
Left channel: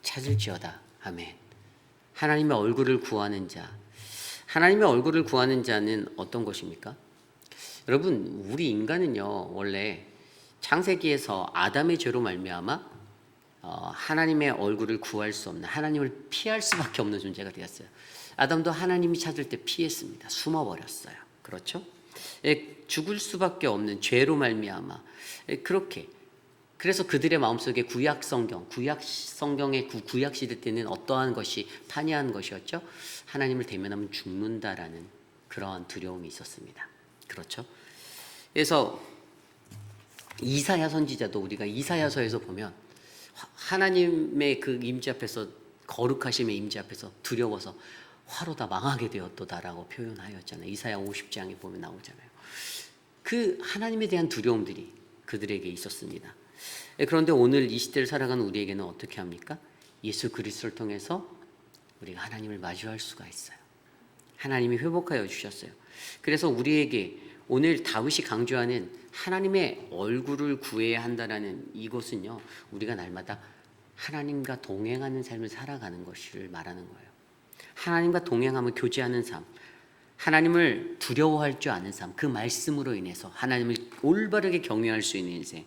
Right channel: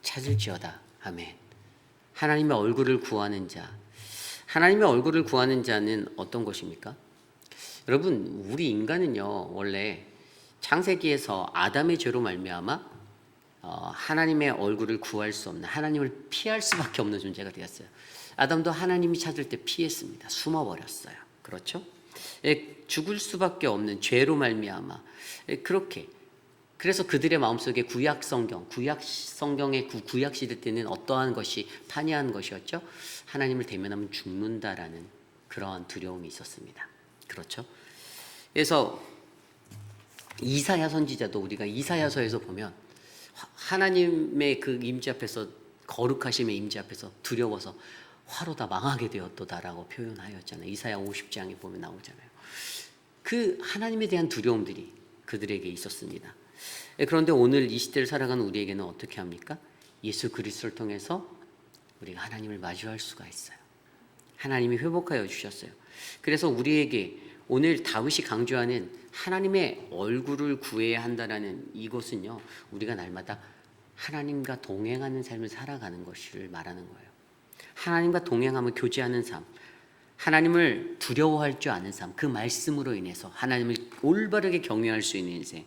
찾을지어다. 아멘. 하나님의 얼굴을 구하는 자. 하나님의 얼굴을 구하는 자는 어떤 것입니까? 여러분, 우리 인간은요 원래 창세기에서 아담의 죄로 말미암아 하나님의 얼굴을 구할 수 없는, 하나님을 피할 수밖에 없는 존재가 되었어요. 아담도 하나님이 찾을 때 피했습니다. 숨어버렸어요. 그렇죠? 죽을 수밖에 없는 죄로 말미암아 그렇게. 그래서 그들의 마음속에 구약 성경의 구약 시대 때는 어떠한 것이 판이한 것이었죠? 하나님을 대면하면 죽는다라는 그러한 두려움이 있었습니다. 그렇죠? 그래서 이사야 선지자도 우리가 이사야서에서 보면 하나님의 그 임재 앞에서, 거룩하심의 임재 앞에서 두려워서 화로 다 망하게 되었도다라고 표현하였잖아요. 이사야 50장에 보면 나오잖아요. 그 하나님에 대한 두려움들이 그들에게 있었습니다. 그런데 오늘 이 시대를 살아가는 우리에게는 어떻게 합니까? 예수 그리스도를 통해서 우리가 하나님을 마주할 수가 있어요. 하나님이 회복하여 주셨어요. 그래서 우리에게 오늘 다윗이 강조하는 하나님의 얼굴을 구해야 한다라는 이것은요, 우리가 날마다 하나님과 동행하는 삶을 살아가는 것을 말하는 거예요. 하나님과 동행하며 교제하는 삶, 하나님을 두려워할 줄 아는 삶, 그 말씀으로 인해서 하나님을 올바르게 경외할 수 있는 인생.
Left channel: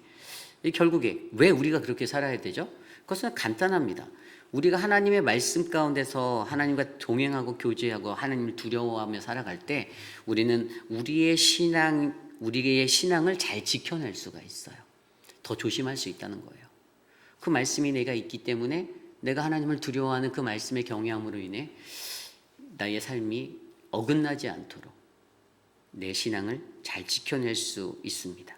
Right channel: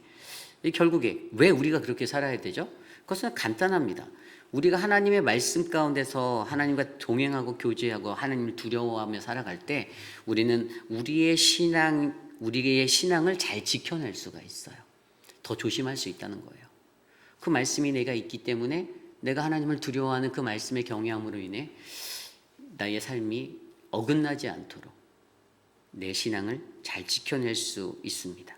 결국에 왜 우리가 그렇게 살아야 되죠? 그것은 간단합니다. 우리가 하나님의 말씀 가운데서 하나님과 동행하고 교제하고 하나님을 두려워하며 살아갈 때 우리는 우리의 신앙을 잘 지켜낼 수가 있어요. 더 조심할 수 있다는 거예요. 그 말씀이 내가 있기 때문에 내가 하나님을 두려워하는 그 말씀의 경외함으로 인해 나의 삶이 어긋나지 않도록 내 신앙을 잘 지켜낼 수 있습니다.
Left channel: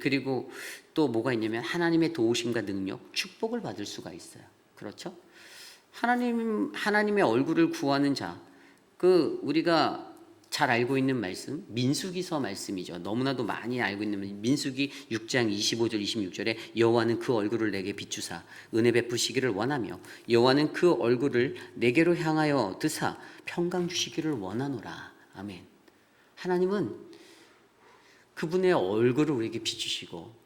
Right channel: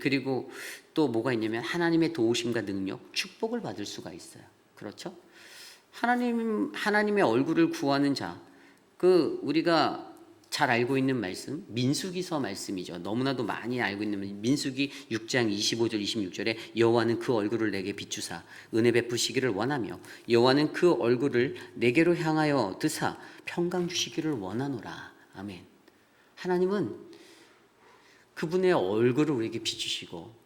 그리고 또 뭐가 있냐면 하나님의 도우심과 능력, 축복을 받을 수가 있어요. 그렇죠? 하나님의 얼굴을 구하는 자, 우리가 잘 알고 있는 말씀, 민수기서 말씀이죠. 너무나도 많이 알고 있는 민수기 6장 25절 26절에 여호와는 그 얼굴을 내게 비추사 은혜 베푸시기를 원하며 여호와는 그 얼굴을 내게로 향하여 드사 평강 주시기를 원하노라. 아멘. 하나님은 그분의 얼굴을 우리에게 비추시고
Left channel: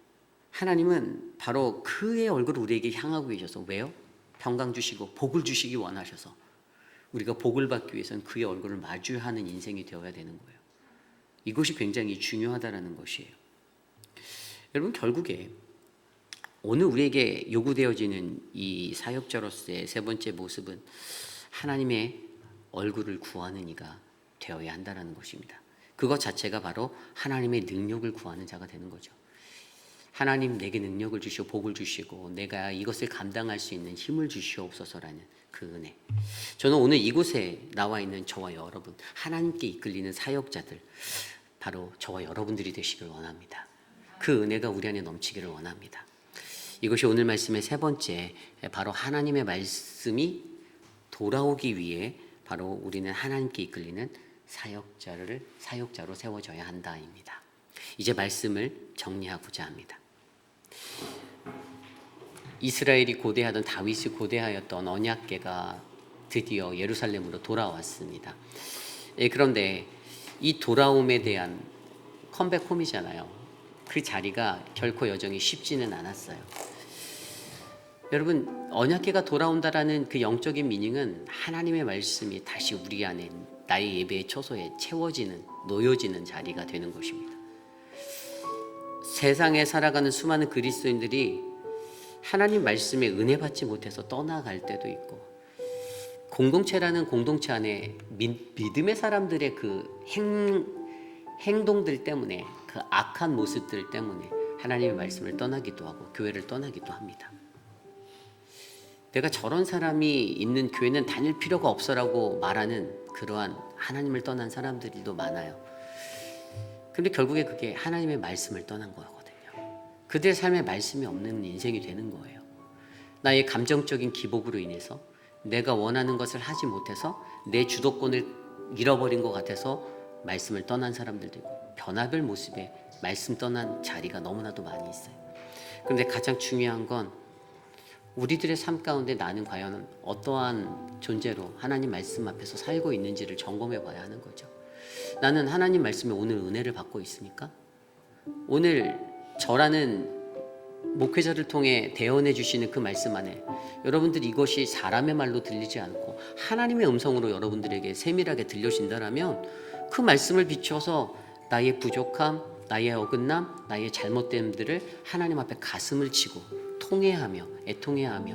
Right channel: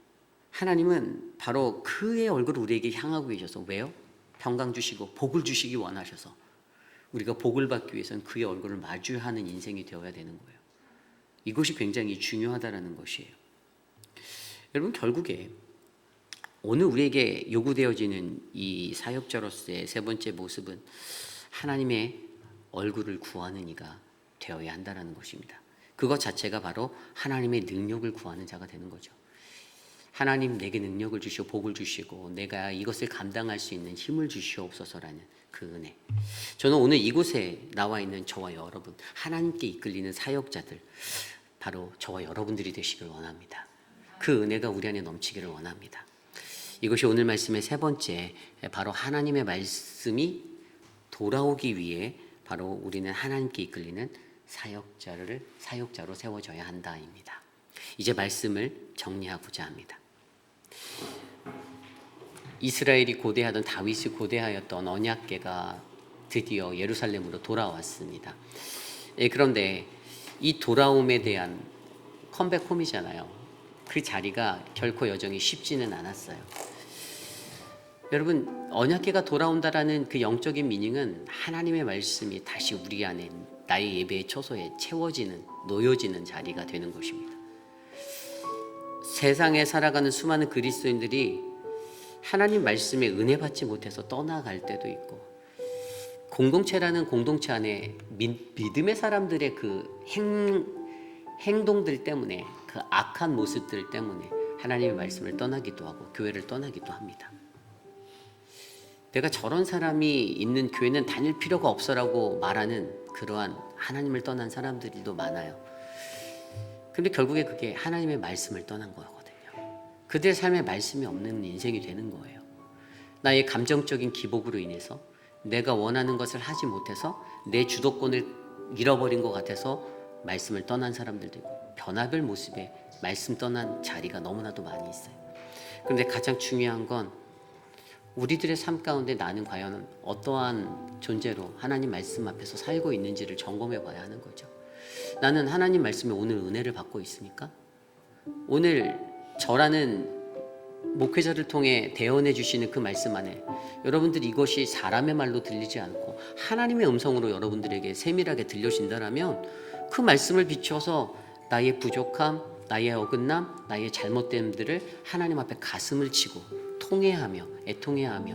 하나님은 바로 그의 얼굴을 우리에게 향하고 계셔서 왜요? 평강 주시고 복을 주시기 원하셔서 우리가 복을 받기 위해서는 그의 얼굴을 마주하는 인생이 되어야 되는 거예요. 이것이 굉장히 중요하다는 것이에요. 여러분, 결국에 오늘 우리에게 요구되어지는 이 사역자로서의 세 번째 모습은 하나님의 얼굴을 구하는 이가 되어야 한다는 것입니다. 그것 자체가 바로 하나님의 능력을 구하는 자가 되는 거죠. 하나님 내게 능력을 주시고 복을 주시고 내가 이것을 감당할 수 있는 힘을 주시옵소서라는 그 은혜. 저는 오늘 이곳에 나와 있는 저와 여러분, 하나님께 이끌리는 사역자들, 바로 저와 여러분들이 되시길 원합니다. 그 은혜가 우리 안에 넘치기를 원합니다. 이것이 오늘 말씀의 세 번째, 바로 하나님의 말씀이 돌아오기 위해 바로 우리는 하나님께 이끌리는 사역자로 세워져야 한다입니다. 이제 말씀을 정리하고자 합니다. 이스라엘이 고대하던, 다윗이 고대하였던 언약궤가 드디어 예루살렘으로 돌아왔습니다. 그런데 이 돌아옴에 대한 컴백홈이잖아요. 그 자리가 결코 여정이 쉽지는 않았어요. 여러분, 언약궤가 돌아온다라는 그 영적인 미닝은 하나님의 말씀이 다시 우리 안에 나의 예배의 처소에 채워지는, 놓여지는 자리가 되는 것입니다. 세상에 살아가는 수많은 그리스도인들이 하나님 말씀에 은혜 받지 못해서 떠나갈 때도 있고, 공동체라는 공동체 안에 믿음의 사람들의 그 행동들 때문에, 그 악한 모습들 때문에 하나님의 말씀을 떠나기도 하고 교회를 떠나기도 합니다. 내가 저런 사람이 있는 교회는 다닐 필요가 없어라고 말하는 그러한 하나님을 떠난 사람들도 많아요. 근데 결국에 그게 하나님의 말씀을 떠난 거거든요. 그들의 삶에 말씀이 없는 인생이 되는 거예요. 나의 감정적인 기복으로 인해서 내가 원하는 것을 하지 못해서 내 주도권을 잃어버린 것 같아서 말씀을 떠난 사람들도 있고, 변화별 모습의 말씀 떠난 자리가 너무나도 많이 있어요. 그런데 가장 중요한 건 우리들의 삶 가운데 나는 과연 어떠한 존재로 하나님 말씀 앞에서 살고 있는지를 점검해 봐야 하는 거죠. 나는 하나님 말씀에 오늘 은혜를 받고 있습니까? 오늘 저라는 목회자를 통해 대언해 주시는 그 말씀 안에 여러분들이 이것이 사람의 말로 들리지 않고 하나님의 음성으로 여러분들에게 세밀하게 들려진다라면 그 말씀을 비춰서 나의 부족함, 나의 어긋남, 나의 잘못됨들을 하나님 앞에 가슴을 치고 통회하며 애통해하며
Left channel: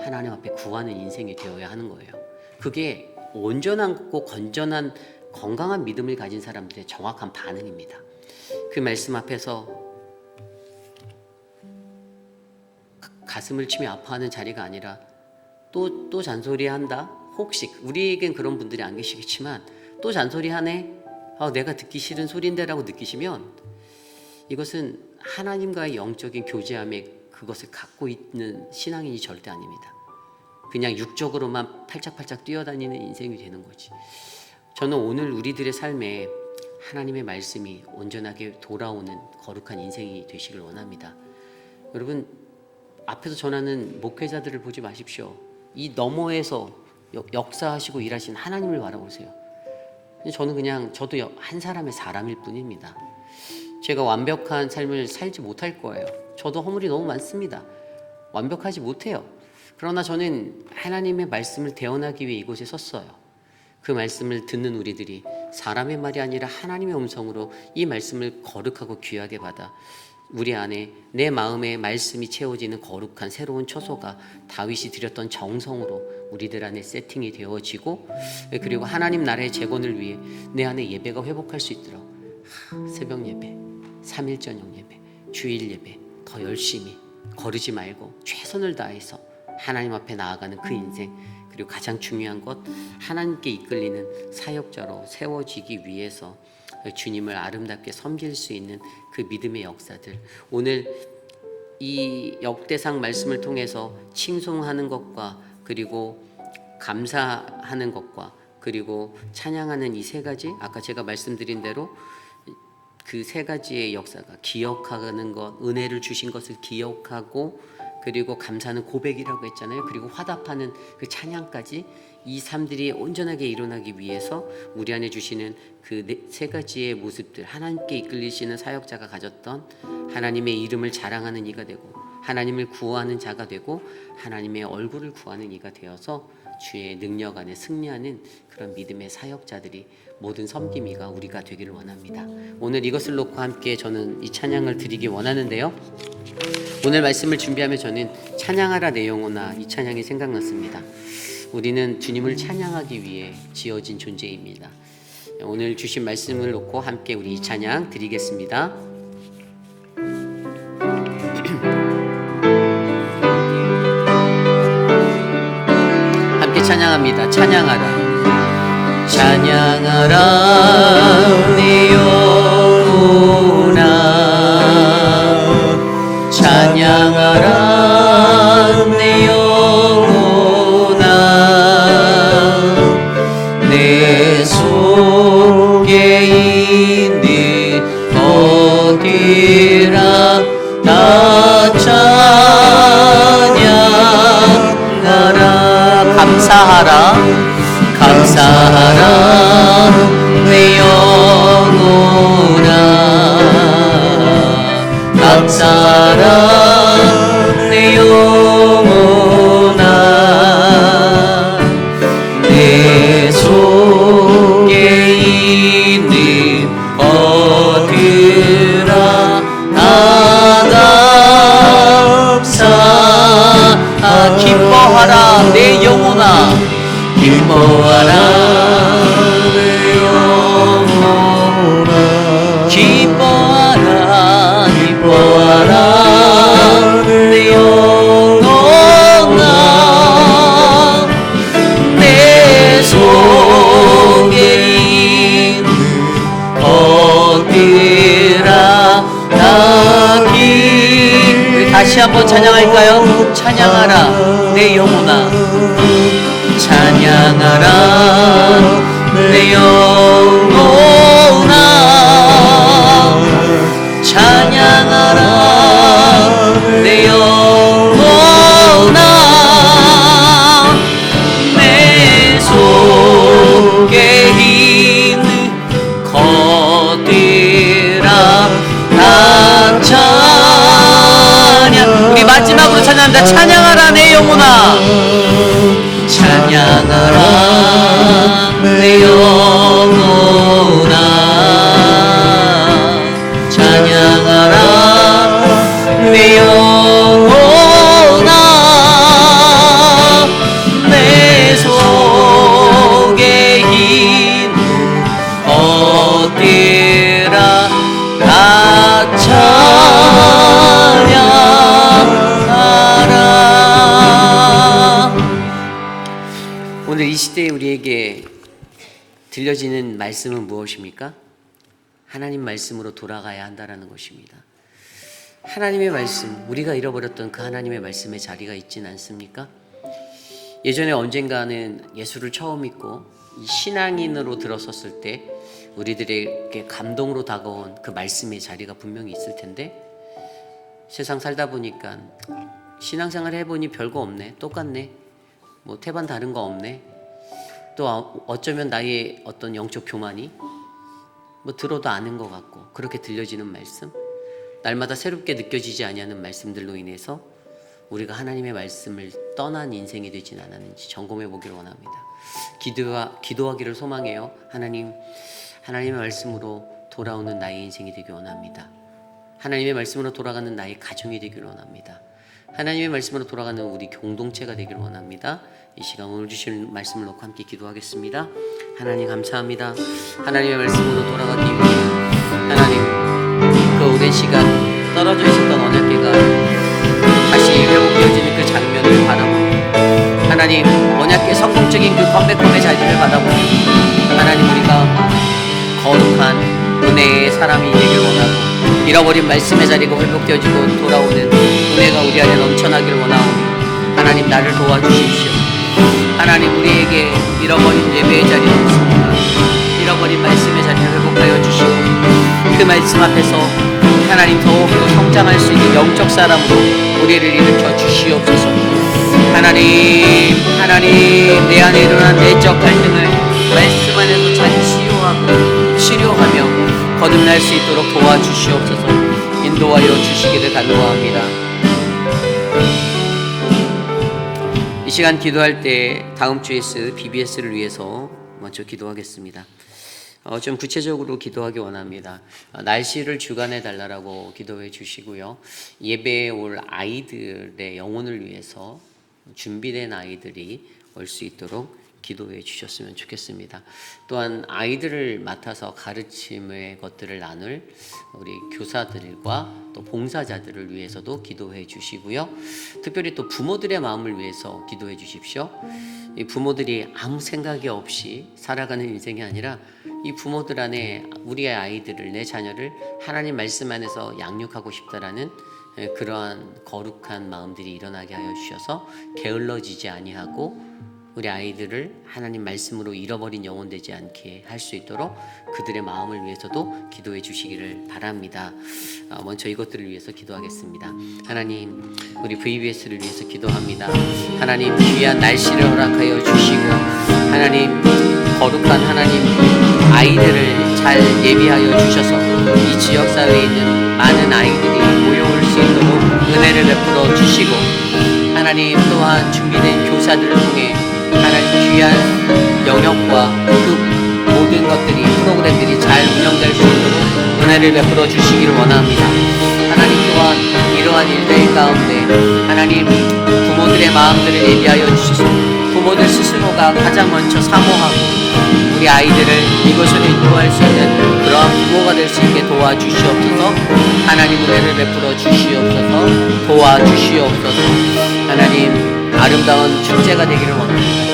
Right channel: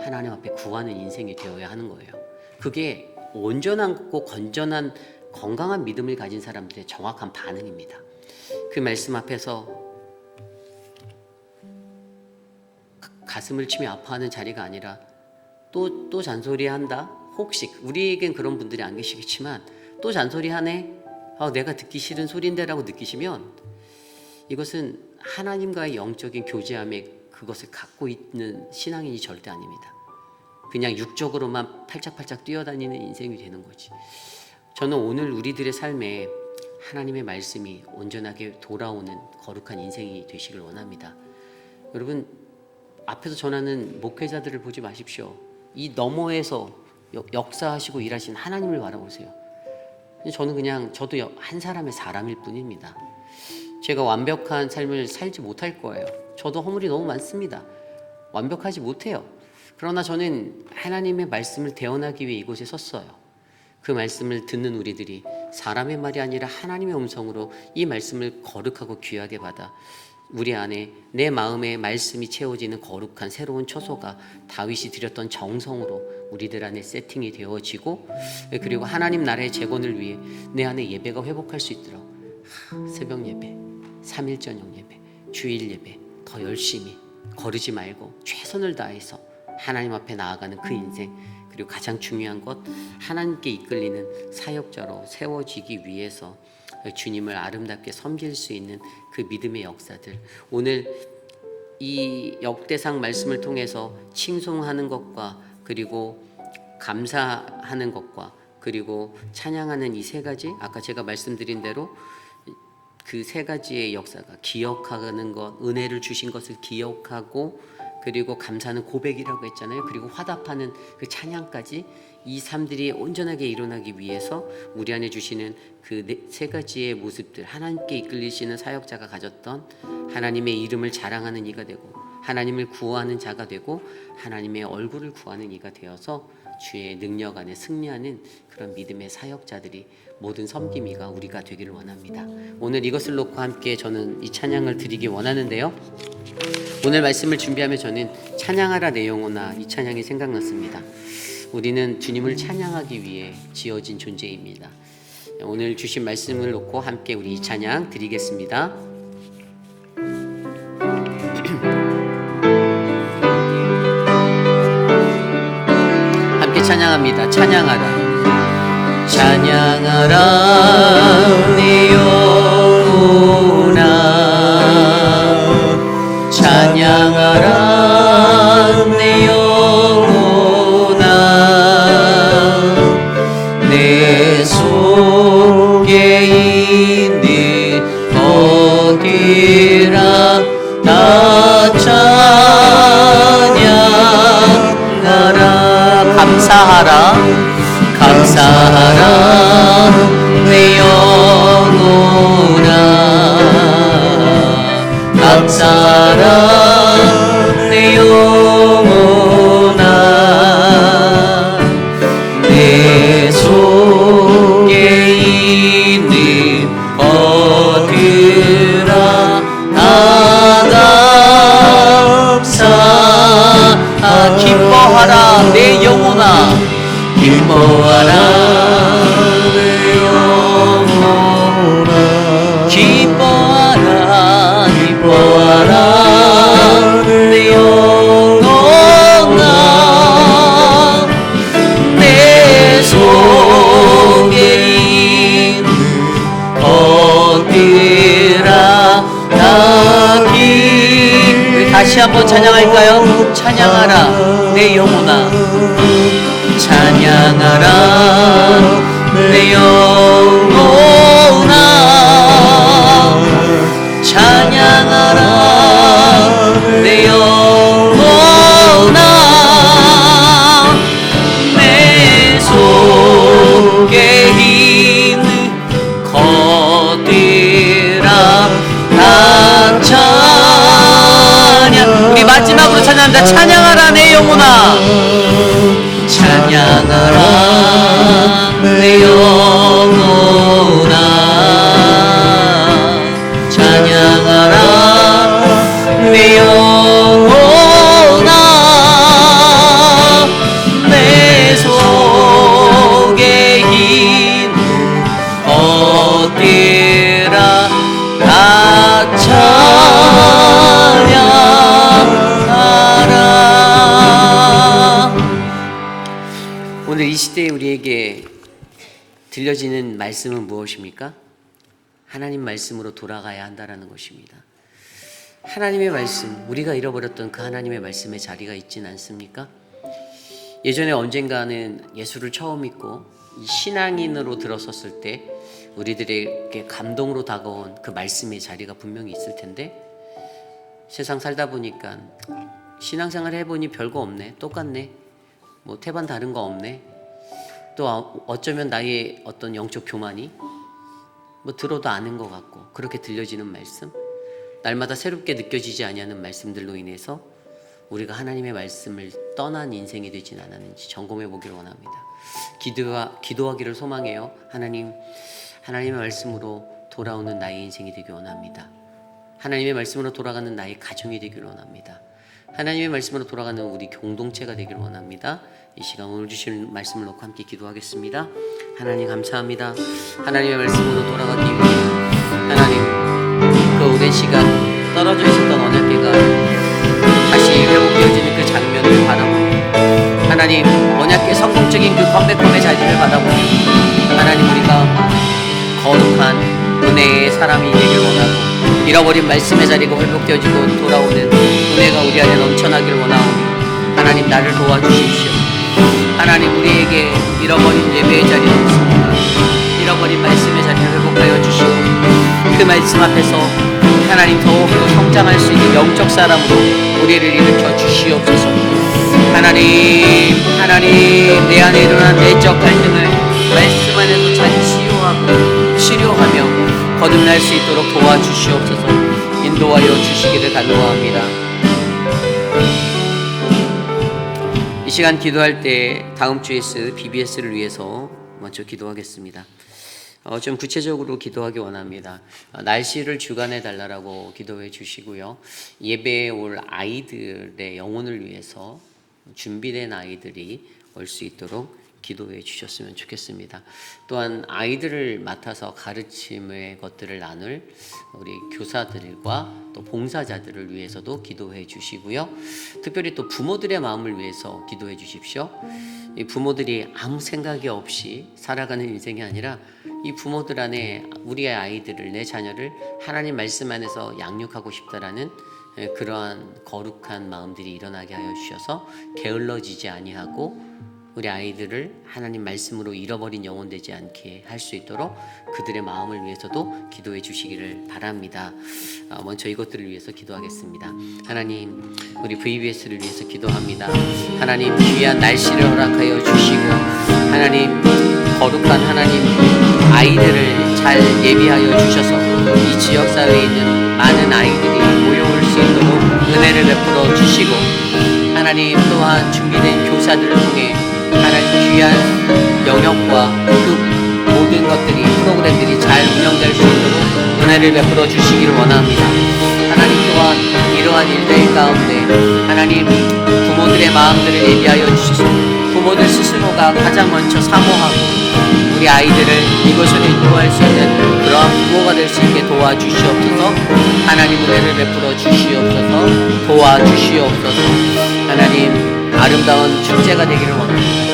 하나님 앞에 구하는 인생이 되어야 하는 거예요. 그게 온전하고 건전한 건강한 믿음을 가진 사람들의 정확한 반응입니다. 그 말씀 앞에서 가슴을 치며 아파하는 자리가 아니라 또 잔소리한다. 혹시 우리에겐 그런 분들이 안 계시겠지만 또 잔소리하네. 내가 듣기 싫은 소리인데라고 느끼시면 이것은 하나님과의 영적인 교제함에 그것을 갖고 있는 신앙인이 절대 아닙니다. 그냥 육적으로만 팔짝팔짝 뛰어다니는 인생이 되는 거지. 저는 오늘 우리들의 삶에 하나님의 말씀이 온전하게 돌아오는 거룩한 인생이 되시길 원합니다. 여러분, 앞에서 전하는 목회자들을 보지 마십시오. 이 너머에서 역사하시고 일하신 하나님을 바라보세요. 저도 한 사람의 사람일 뿐입니다. 제가 완벽한 삶을 살지 못할 거예요. 저도 허물이 너무 많습니다. 완벽하지 못해요. 그러나 저는 하나님의 말씀을 대언하기 위해 이곳에 섰어요. 그 말씀을 듣는 우리들이 사람의 말이 아니라 하나님의 음성으로 이 말씀을 거룩하고 귀하게 받아 우리 안에 내 마음에 말씀이 채워지는 거룩한 새로운 처소가 다윗이 드렸던 정성으로 우리들 안에 세팅이 되어지고, 그리고 하나님 나라의 재건을 위해 내 안에 예배가 회복할 수 있도록 새벽 예배, 3일 저녁 예배, 주일 예배 더 열심히 거르지 말고 최선을 다해서 하나님 앞에 나아가는 그 인생, 그리고 가장 중요한 것, 하나님께 이끌리는 사역자로 세워지기 위해서 주님을 아름답게 섬길 수 있는 그 믿음의 역사들, 오늘 이 역대상 말씀을 통해서 칭송하는 것과 그리고 감사하는 것과 그리고 찬양하는 이 세 가지, 아까 제가 말씀드린 대로 그 세 가지의 역사가 기억하는 것, 은혜를 주신 것을 기억하고 그리고 감사는 고백이라고 했잖아요. 그리고 화답하는 그 찬양까지, 이 삶들이 온전하게 일어나기 위해서 우리 안에 주시는 그 세 가지의 모습들, 하나님께 이끌리시는 사역자가 가졌던 하나님의 이름을 자랑하는 이가 되고 하나님을 구하는 자가 되고 하나님의 얼굴을 구하는 이가 되어서 주의 능력 안에 승리하는 그런 믿음의 사역자들이, 모든 섬김이가 우리가 되기를 원합니다. 오늘 이것을 놓고 함께 저는 이 찬양을 드리기 원하는데요. 오늘 말씀을 준비하며 저는 찬양하라 내 영혼아, 이 찬양이 생각났습니다. 우리는 주님을 찬양하기 위해 지어진 존재입니다. 오늘 주신 말씀을 놓고 함께 우리 이 찬양 드리겠습니다. 함께 찬양합니다. 찬양하라, 찬양하라 내 영혼아, 찬양하라 내 영혼아, 내 속에 있는 어디라 다 찬양하라. 감사하라, 감사하라 내 영혼아, 감사하라 내 영혼아, 내 속에 있는 어디라 다 감사. 기뻐하라 내 영혼아, 기뻐하라 내 영혼아, 기뻐하라, 기뻐하라 내 영혼아, 내 속에 있는 것들아 다 우리 다시 한번 찬양할까요? 찬양하라 내 영혼아, 찬양하라 내 영혼아, 찬양하라 내 영혼아, 내 속에 있는 것들아 다 찬양. 우리 마지막으로 찬양합니다. 찬양하라 내 영혼아, 찬양하라 내 영혼아, 찬양하라 내 영혼아, 들려지는 말씀은 무엇입니까? 하나님 말씀으로 돌아가야 한다라는 것입니다. 하나님의 말씀, 우리가 잃어버렸던 그 하나님의 말씀의 자리가 있진 않습니까? 예전에 언젠가는 예수를 처음 믿고 신앙인으로 들어섰을 때 우리들에게 감동으로 다가온 그 말씀의 자리가 분명히 있을 텐데, 세상 살다 보니까 신앙생활 해보니 별거 없네, 똑같네, 뭐 태반 다른 거 없네, 또 어쩌면 나의 어떤 영적 교만이 뭐 들어도 아는 것 같고 그렇게 들려지는 말씀, 날마다 새롭게 느껴지지 아니하는 말씀들로 인해서 우리가 하나님의 말씀을 떠난 인생이 되진 않았는지 점검해 보기를 원합니다. 기도하기를 소망해요. 하나님의 말씀으로 돌아오는 나의 인생이 되기 원합니다. 하나님의 말씀으로 돌아가는 나의 가정이 되기를 원합니다. 하나님의 말씀으로 돌아가는 우리 공동체가 되기를 원합니다. 이 시간 오늘 주신 말씀을 놓고 함께 기도하겠습니다. 하나님 감사합니다. 하나님의 말씀으로 돌아가기 위해 하나님 그 오랜 시간 떨어져 있었던 언약궤가 다시 회복되어지는 그 장면을 바라보고, 하나님 언약궤 성공적인 그 컴백홈의 자리를 바라보고, 하나님 우리가 거룩한 은혜의 사람이 되기를 원하고, 잃어버린 말씀의 자리가 회복되어지고 돌아오는 은혜가 우리 안에 넘쳐나기를 원하고, 하나님 나를 도와주십시오. 하나님 우리에게 잃어버린 예배의 자리가 없습니다. 잃어버린 말씀의 자리를 회복하여 주시고, 그 말씀 앞에서 하나님 더욱더 성장할 수 있는 영적 사람으로 우리를 일으켜 주시옵소서. 하나님 내 안에 일어난 내적 갈등을 말씀 안에서 잘 치료하며 거듭날 수 있도록 도와주시옵소서. 인도하여 주시기를 간구합니다. 이 시간 기도할 때 다음 주에 쓸 BBS를 위해서 먼저 기도하겠습니다. 좀 구체적으로 기도하기 원합니다. 날씨를 주관해 달라고 기도해 주시고요. 예배에 올 아이들의 영혼을 위해서 준비된 아이들이 올 수 있도록 기도해 주셨으면 좋겠습니다. 또한 아이들을 맡아서 가르침의 것들을 나눌 우리 교사들과 또 봉사자들을 위해서도 기도해 주시고요. 특별히 또 부모들의 마음을 위해서 기도해 주십시오. 이 부모들이 아무 생각이 없이 살아가는 인생이 아니라 이 부모들 안에 우리의 아이들을, 내 자녀를 하나님 말씀 안에서 양육하고 싶다라는 그러한 거룩한 마음들이 일어나게 하여 주셔서 게을러지지 아니하고 우리 아이들을 하나님 말씀으로 잃어버린 영혼 되지 않게 할 수 있도록 그들의 마음을 위해서도 기도해 주시기를 바랍니다. 먼저 이것들을 위해서 기도하겠습니다. 하나님 우리 VBS를 위해서 기도합니다. 하나님 귀한 날씨를 허락하여 주시고, 하나님 거룩한 하나님 아이들을 잘 예비하여 주셔서 이 지역사회에 있는 많은 아이들이 모여올 수 있도록 은혜를 베풀어 주시고, 하나님 또한 준비된 교사들을 통해 하나님 귀한 영역과 그 모든 것들이, 프로그램들이 잘 운영될 수 있도록 은혜를 베풀어 주시기를 원합니다. 하나님 또한 이러한 일들 가운데 하나님 부모들의 마음들을 예비하여 주시소. 부모들 스스로가 가장 먼저 사모하고 우리 아이들을 이곳으로 인도할 수 있는 그러한 부모가 될 수 있게 도와주시옵소서. 하나님 은혜를 베풀어 주시옵소서. 도와주시옵소서. 하나님 아름다운 축제가 되기를 원합니다.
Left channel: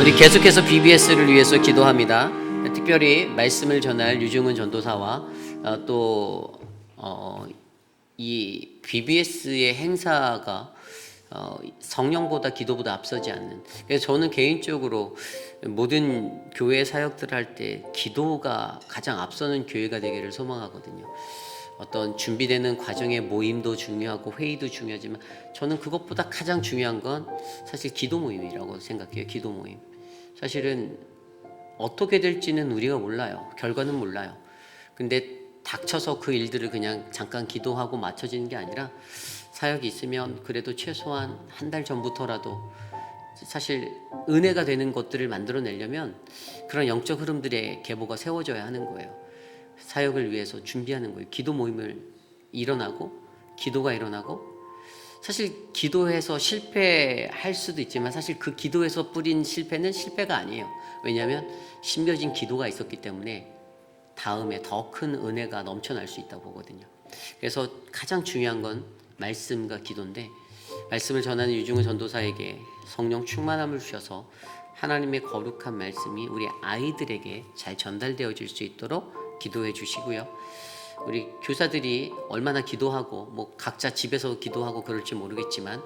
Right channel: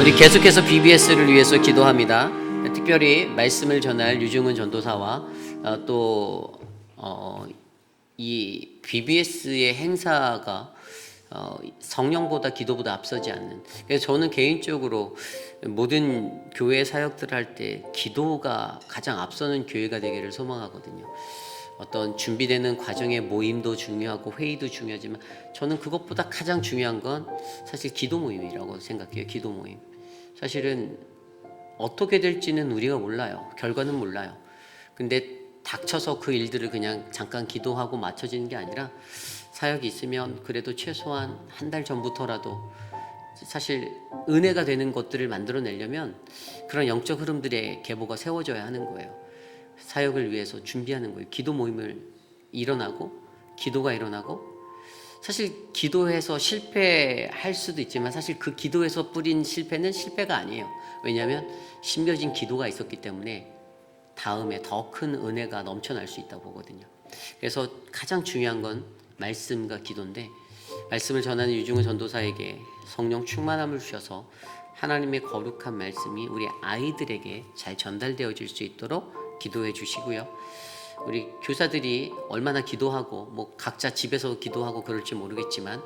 우리 계속해서 BBS를 위해서 기도합니다. 특별히 말씀을 전할 유중은 전도사와 또 이 BBS의 행사가 성령보다 기도보다 앞서지 않는, 그래서 저는 개인적으로 모든 교회 사역들 할 때 기도가 가장 앞서는 교회가 되기를 소망하거든요. 어떤 준비되는 과정의 모임도 중요하고 회의도 중요하지만 저는 그것보다 가장 중요한 건 사실 기도 모임이라고 생각해요. 기도 모임. 사실은 어떻게 될지는 우리가 몰라요. 결과는 몰라요. 근데 닥쳐서 그 일들을 그냥 잠깐 기도하고 맞춰지는 게 아니라 사역이 있으면 그래도 최소한 한 달 전부터라도 사실 은혜가 되는 것들을 만들어내려면 그런 영적 흐름들의 계보가 세워져야 하는 거예요. 사역을 위해서 준비하는 거예요. 기도 모임을 기도가 일어나고 사실 기도해서 실패할 수도 있지만 사실 그 기도에서 뿌린 실패는 실패가 아니에요. 왜냐하면 심겨진 기도가 있었기 때문에 다음에 더 큰 은혜가 넘쳐날 수 있다고 보거든요. 그래서 가장 중요한 건 말씀과 기도인데, 말씀을 전하는 유중은 전도사에게 성령 충만함을 주셔서 하나님의 거룩한 말씀이 우리 아이들에게 잘 전달되어질 수 있도록 기도해 주시고요. 우리 교사들이 얼마나 기도하고 뭐 각자 집에서 기도하고 그럴지 모르겠지만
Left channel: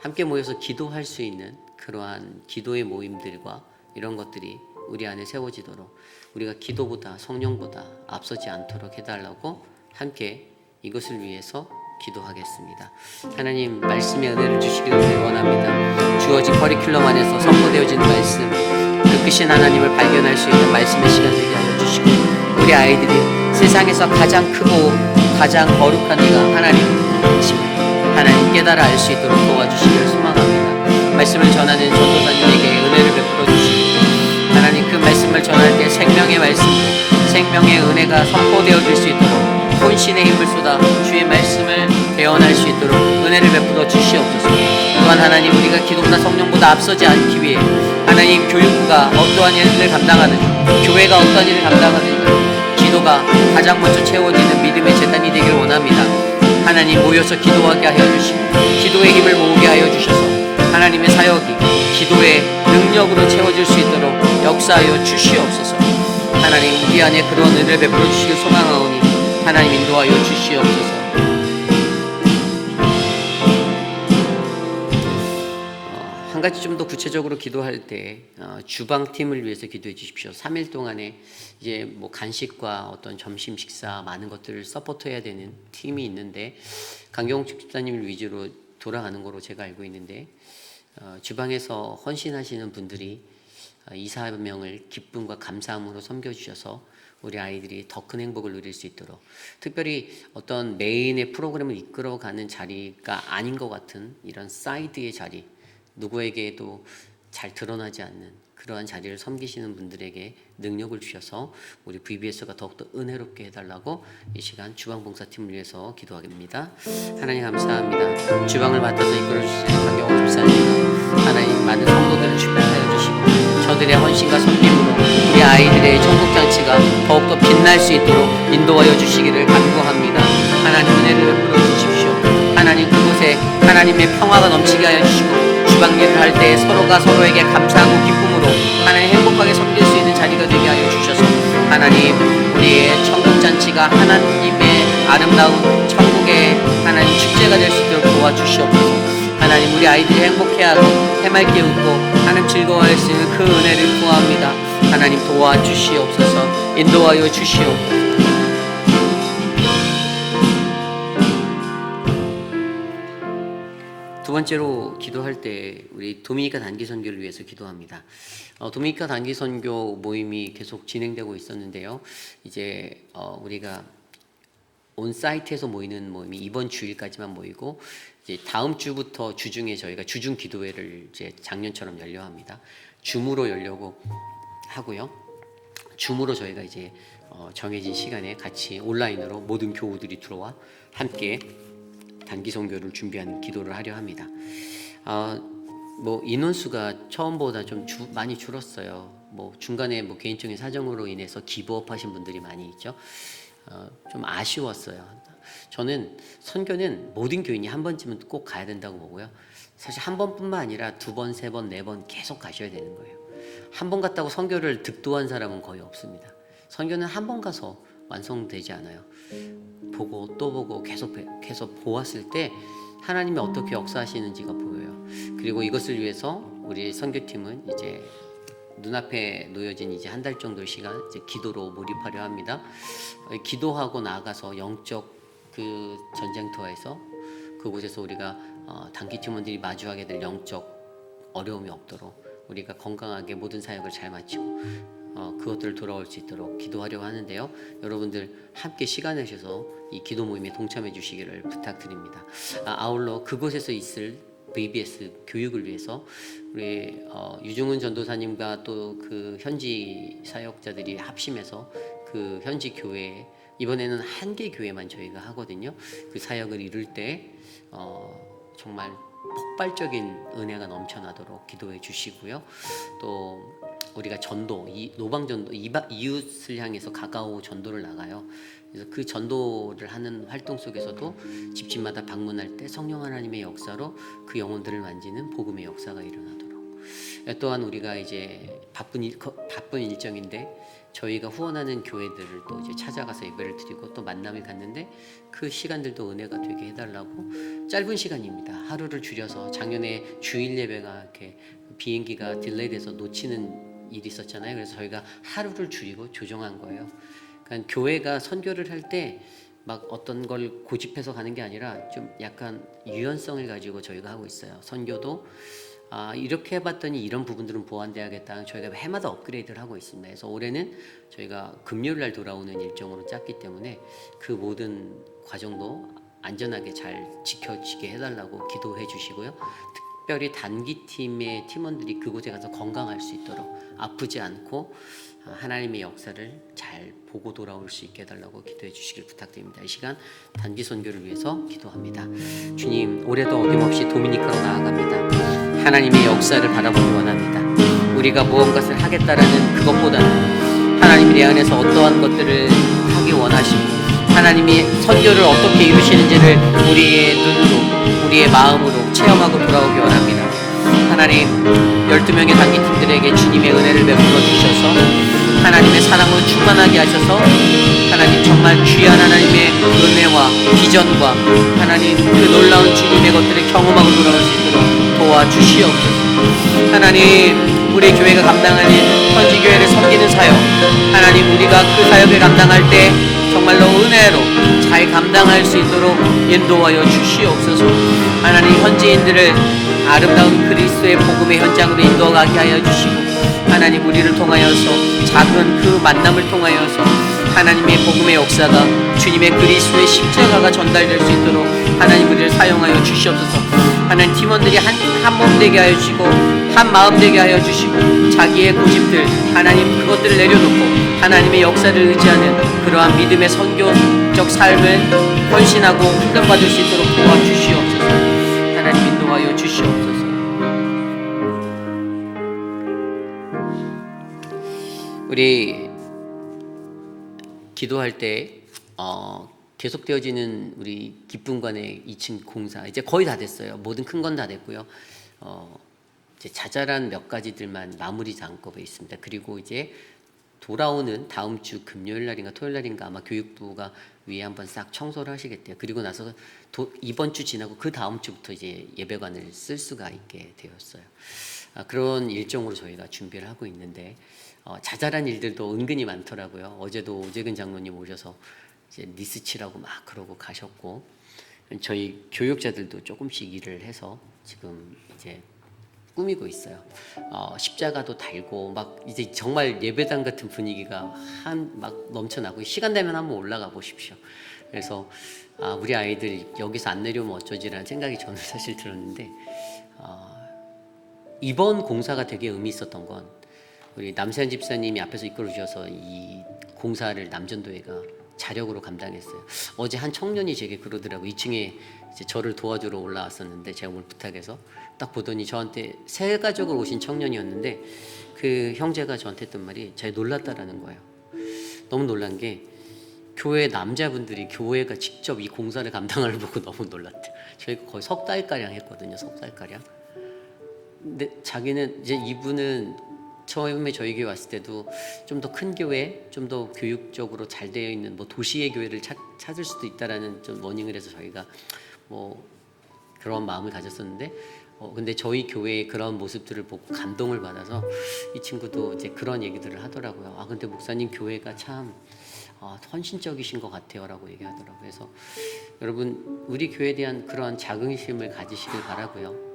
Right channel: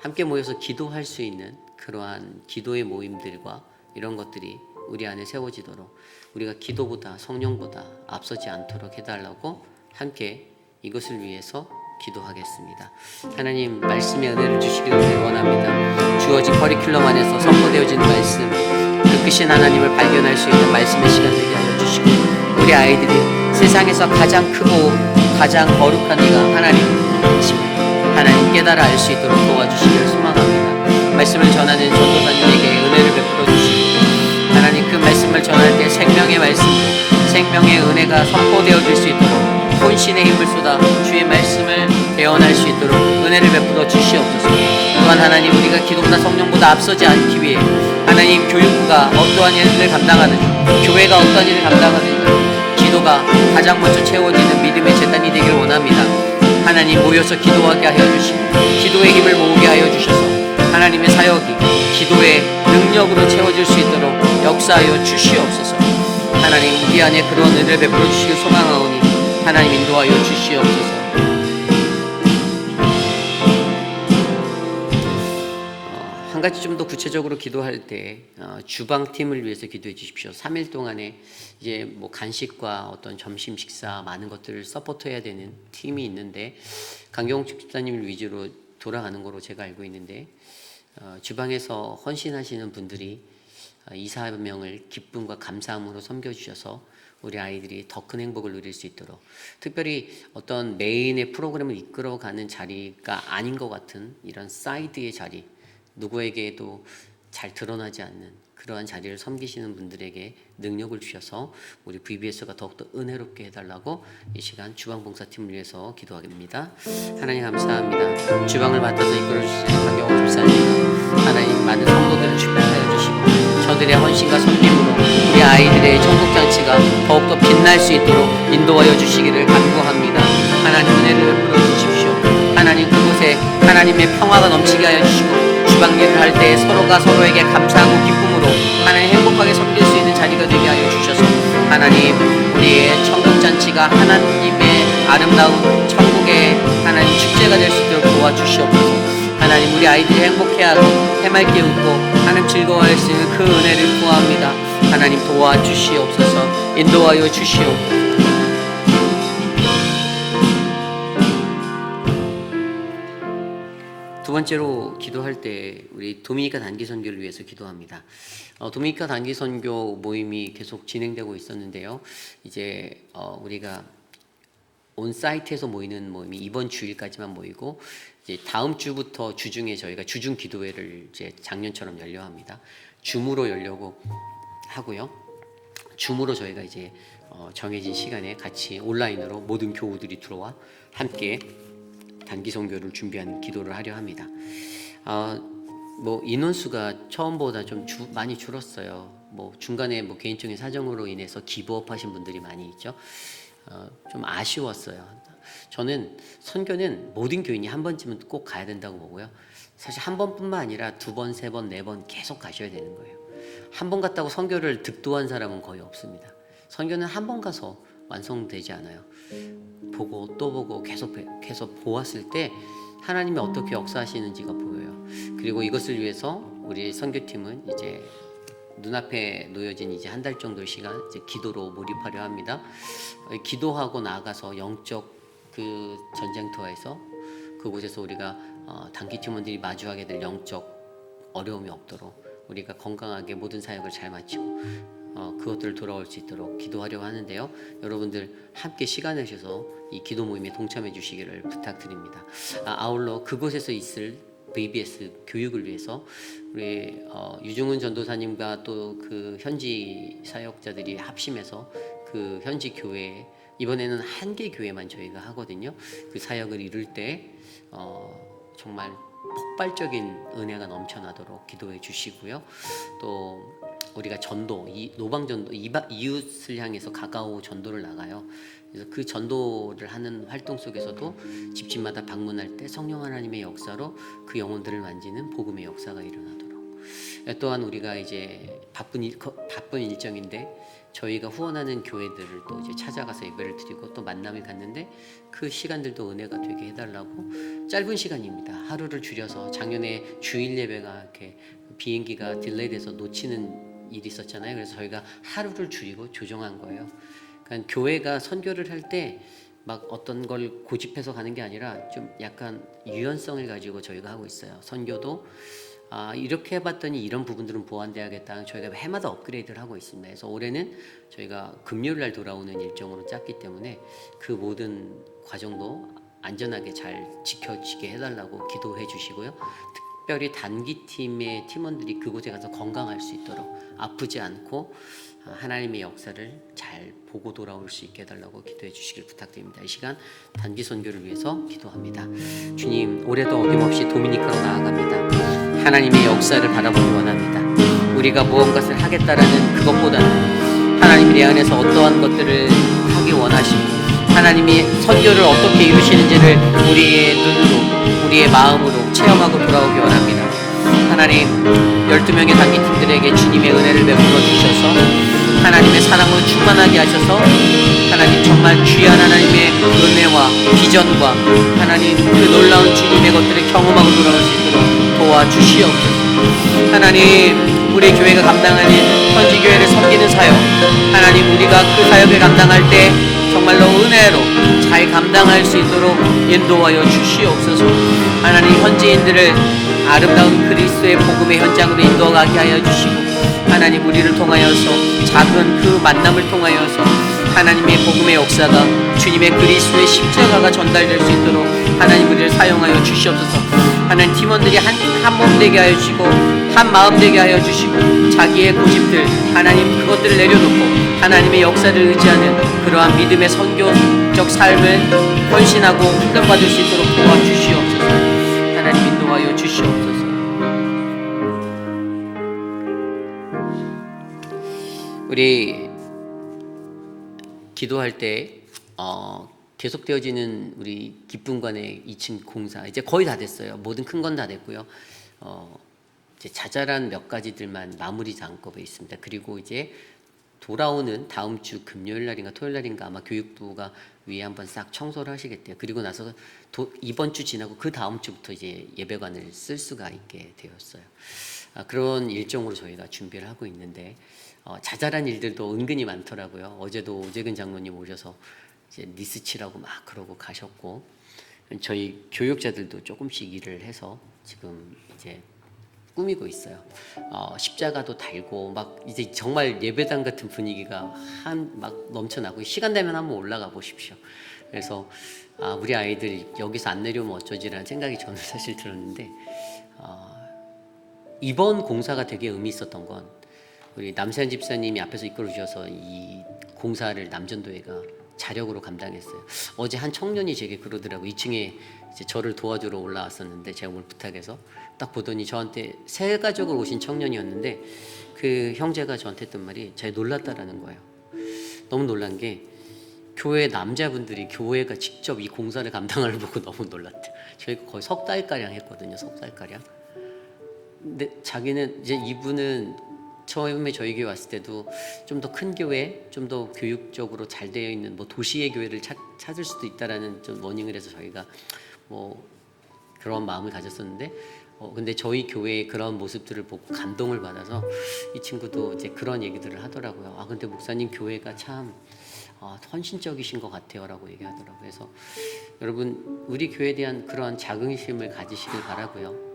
함께 모여서 기도할 수 있는 그러한 기도의 모임들과 이런 것들이 우리 안에 세워지도록 우리가 기도보다 성령보다 앞서지 않도록 해달라고 함께 이것을 위해서 기도하겠습니다. 하나님 말씀의 은혜를 주시기를 원합니다. 주어진 커리큘럼 안에서 선포되어지는 말씀, 그 크신 하나님을 발견할 수 있는 말씀의 시간 되게 하여 주시고 우리 아이들이 세상에서 가장 크고 가장 거룩한 이가 하나님이심을 하나님 깨달아 알 수 있도록 도와주시기를 소망합니다. 말씀을 전하는 전도사님에게 은혜를 베풀어 주시고 하나님 그 말씀을 전할 때 생명의 말씀, 생명의 은혜가 선포되어질 수 있도록 혼신의 힘을 쏟아 주의 말씀을 대언할 수 있도록 은혜를 베풀어 주시옵소서. 또한 하나님 우리가 기도보다 성령보다 앞서지 않기 위해 하나님 교육부가 어떠한 일을 감당하는지 교회가 어떠한 일을 감당하는지 기도가 가장 먼저 채워지는 믿음의 재단이 되길 원합니다. 하나님 모여서 기도하게 하여 주시고 기도의 힘을 모으게 하여 주셔서 하나님의 사역이 기도의 능력으로 채워질 수 있도록 역사하여 주시옵소서. 하나님 우리 안에 그런 은혜를 베풀어 주시길 소망하오니 하나님 인도하여 주시옵소서. 한 가지 좀 더 구체적으로 기도할 때 주방팀을 위해서 기도해 주십시오. 3일 동안에 이제 뭐 간식과 어떤 점심 식사 많은 것들을 서포트해야 되는 팀이 있는데 강경욱 집사님을 위주로 돌아가는 거로 제가 알고 있는데 주방에서 헌신하시는 분들이 이 사명을 기쁨과 감사함으로 섬겨주셔서 우리 아이들이 더 큰 행복을 누릴 수 있도록 특별히 어떤 메인의 프로그램을 이끌어가는 자리가 아닌 것 같은 이런 사이드의 자리 누구에게도 잘 드러나지 않는 그러한 자리를 섬기시는 분들에게 능력을 주셔서 우리 VBS가 더욱더 은혜롭게 해달라고 이 시간 주방봉사팀을 위해서 기도하겠습니다. 하나님 감사합니다. 주방을 맡아서 이끌어주시는 강경호 집사님 하나님 많은 성도들을 축복하여 주시고 저들의 헌신과 섬김으로 우리 아이들의 천국잔치가 더욱더 빛날 수 있도록 인도하여 주시기를 간구합니다. 하나님 은혜를 베풀어 주십시오. 하나님 그곳에 하나님의 평화가 넘치게 하여 주시고 주방 일을 할 때 서로가 서로에게 감사하고 기쁨으로 하나님 행복하게 섬길 수 있는 자리가 되게 하여 주셔서 하나님 우리의 천국잔치가 하나님의 아름다운 천국의 하나님 축제가 될 수 있도록 도와주시옵소서. 하나님 우리 아이들이 행복해하고 해맑게 웃고 하나님 즐거워할 수 있는 그 은혜를 구합니다. 하나님 도와주시옵소서. 인도하여 주시옵소서. 두 번째로 기도할 때 우리 도미니카 단기 선교를 위해서 기도합니다. 도미니카 단기 선교 모임이 계속 진행되고 있었는데요. 이제 우리가 온 사이트에서 모이는 모임이 이번 주일까지만 모이고 이제 다음 주부터 주중에 저희가 주중 기도회를 이제 작년처럼 열려 합니다. 줌으로 열려고 하고요. 줌으로 저희가 이제 정해진 시간에 같이 온라인으로 모든 교우들이 들어와 함께 단기 선교를 준비한 기도를 하려 합니다. 뭐 인원수가 처음보다 좀 많이 줄었어요. 뭐 중간에 뭐 개인적인 사정으로 인해서 기브업하신 분들이 많이 있죠. 좀 아쉬웠어요. 저는 선교는 모든 교인이 한 번쯤은 꼭 가야 된다고 보고요. 사실 한 번뿐만 아니라 두 번, 세 번, 네 번 계속 가셔야 되는 거예요. 한 번 갔다고 선교를 득도한 사람은 거의 없습니다. 선교는 한 번 가서 완성되지 않아요. 보고 또 보고 계속 보았을 때 하나님이 어떻게 역사하시는지가 보여요. 그리고 이것을 위해서 우리 선교팀은 이제 눈앞에 놓여진 이제 한 달 정도 시간 이제 기도로 몰입하려 합니다. 기도하고 나가서 영적 그 전쟁터에서 그곳에서 우리가 단기 팀원들이 마주하게 될 영적 어려움이 없도록 우리가 건강하게 모든 사역을 잘 마치고 그것들을 돌아올 수 있도록 기도하려고 하는데요. 여러분들 함께 시간 내셔서 이 기도 모임에 동참해 주시기를 부탁드립니다. 아울러 그곳에서 있을 VBS 교육을 위해서 우리 유중훈 전도사님과 또 그 현지 사역자들이 합심해서 그 현지 교회 이번에는 한 개 교회만 저희가 하거든요. 그 사역을 이룰 때 정말 폭발적인 은혜가 넘쳐나도록 기도해 주시고요. 또 우리가 전도, 노방전도, 이웃을 향해서 가까워 전도를 나가요. 그래서 그 전도를 하는 활동 속에서도 집집마다 방문할 때 성령 하나님의 역사로 그 영혼들을 만지는 복음의 역사가 일어나도록 또한 우리가 이제 바쁜 일정인데 저희가 후원하는 교회들을 또 이제 찾아가서 예배를 드리고 또 만남을 갖는데 그 시간들도 은혜가 되게 해달라고. 짧은 시간입니다. 하루를 줄여서 작년에 주일 예배가 이렇게 비행기가 딜레이돼서 놓치는 일이 있었잖아요. 그래서 저희가 하루를 줄이고 조정한 거예요. 그러니까 교회가 선교를 할 때 막 어떤 걸 고집해서 가는 게 아니라 좀 약간 유연성을 가지고 저희가 하고 있어요. 선교도 이렇게 해봤더니 이런 부분들은 보완돼야겠다. 저희가 해마다 업그레이드를 하고 있습니다. 그래서 올해는 저희가 금요일 날 돌아오는 일정으로 짰기 때문에 그 모든 과정도 안전하게 잘 지켜지게 해달라고 기도해 주시고요. 특별히 단기팀의 팀원들이 그곳에 가서 건강할 수 있도록 아프지 않고 하나님의 역사를 잘 보고 돌아올 수 있게 해달라고 기도해 주시길 부탁드립니다. 이 시간 단기 선교를 위해서 기도합니다. 주님, 올해도 어김없이 도미니카로 나아갑니다. 하나님의 역사를 바라보기 원합니다. 우리가 무언가를 하겠다라는 그것보다는 하나님이 내 안에서 어떠한 것들을 하기 원하시고 하나님이 선교를 어떻게 이루시는지를 우리의 눈으로 우리의 마음으로 체험하고 돌아오기 원합니다. 하나님, 12명의 단기팀들에게 주님의 은혜를 베풀어 주셔서 하나님의 사랑으로 충만하게 하셔서 하나님 정말 귀한 하나님의 은혜와 비전과 하나님 그 놀라운 주님의 것들을 경험하고 돌아올 수 있도록 도와주시옵소서. 하나님, 우리 교회가 감당하는 현지교회를 섬기는 사역, 하나님 우리가 그 사역을 감당할 때 정말로 은혜로 잘 감당할 수 있도록 인도하여 주시옵소서. 하나님, 현지인들을 아름다운 그리스도의 복음의 현장으로 인도하게 하여 주시고 하나님 우리를 통하여서 작은 그 만남을 통하여서 하나님의 복음의 역사가 주님의 그리스도의 십자가가 전달될 수 있도록 하나님 우리를 사용하여 주시옵소서. 하나님, 팀원들이 한 몸 되게 하여 주시고 한 마음 되게 하여 주시고 자기의 고집들 하나님 그것들을 내려놓고 하나님의 역사를 의지하는 그러한 믿음의 선교적 삶을 헌신하고 훈련받을 수 있도록 도와주시옵소서. 하나님 인도하여 주시옵소서. 우리 기도할 때 계속되어지는 우리 기쁨관의 2층 공사 이제 거의 다 됐어요. 모든 큰 건 다 됐고요. 이제 자잘한 몇 가지들만 마무리 작업에 있습니다. 그리고 이제 돌아오는 다음 주 금요일 날인가 토요일 날인가 아마 교육부가 위에 한번 싹 청소를 하시겠대요. 그리고 나서 이번 주 지나고 그 다음 주부터 이제 예배관을 쓸 수가 있게 되었어요. 그런 일정으로 저희가 준비를 하고 있는데 자잘한 일들도 은근히 많더라고요. 어제도 오재근 장로님 오셔서 이제 리스치라고 막 그러고 가셨고 저희 교육자들도 조금씩 일을 해서 지금 이제 꾸미고 있어요. 십자가도 달고 막 이제 정말 예배당 같은 분위기가 막 넘쳐나고 시간 되면 한번 올라가 보십시오. 그래서 우리 아이들 여기서 안 내려오면 어쩌지라는 생각이 저는 사실 들었는데 이번 공사가 되게 의미 있었던 건 우리 남세현 집사님이 앞에서 이끌어 주셔서 이 공사를 남전도회가 자력으로 감당했어요. 어제 한 청년이 제게 그러더라고요. 2층에 이제 저를 도와주러 올라왔었는데 제가 오늘 부탁해서 딱 보더니 저한테 새 가족을 오신 청년이었는데 그 형제가 저한테 했던 말이 제가 놀랐다라는 거예요. 너무 놀란 게 교회 남자분들이 교회가 직접 이 공사를 감당하는 걸 보고 너무 놀랐대요. 저희가 거의 석 달가량 했거든요. 석 달가량. 근데 자기는 이제 이분은 처음에 저희 교회 왔을 때도 좀 더 큰 교회, 좀 더 교육적으로 잘 되어 있는 뭐 도시의 교회를 찾을 수도 있다라는 좀 워닝을 해서 저희가 뭐 그런 마음을 가졌었는데 근데 저희 교회의 그런 모습들을 보고 감동을 받아서 이 친구도 이제 그런 얘기들을 하더라고요. 근데 목사님 교회가 참 헌신적이신 것 같아요라고 얘기하더라고요. 그래서 여러분 우리 교회에 대한 그러한 자긍심을 가지시길 바라고요.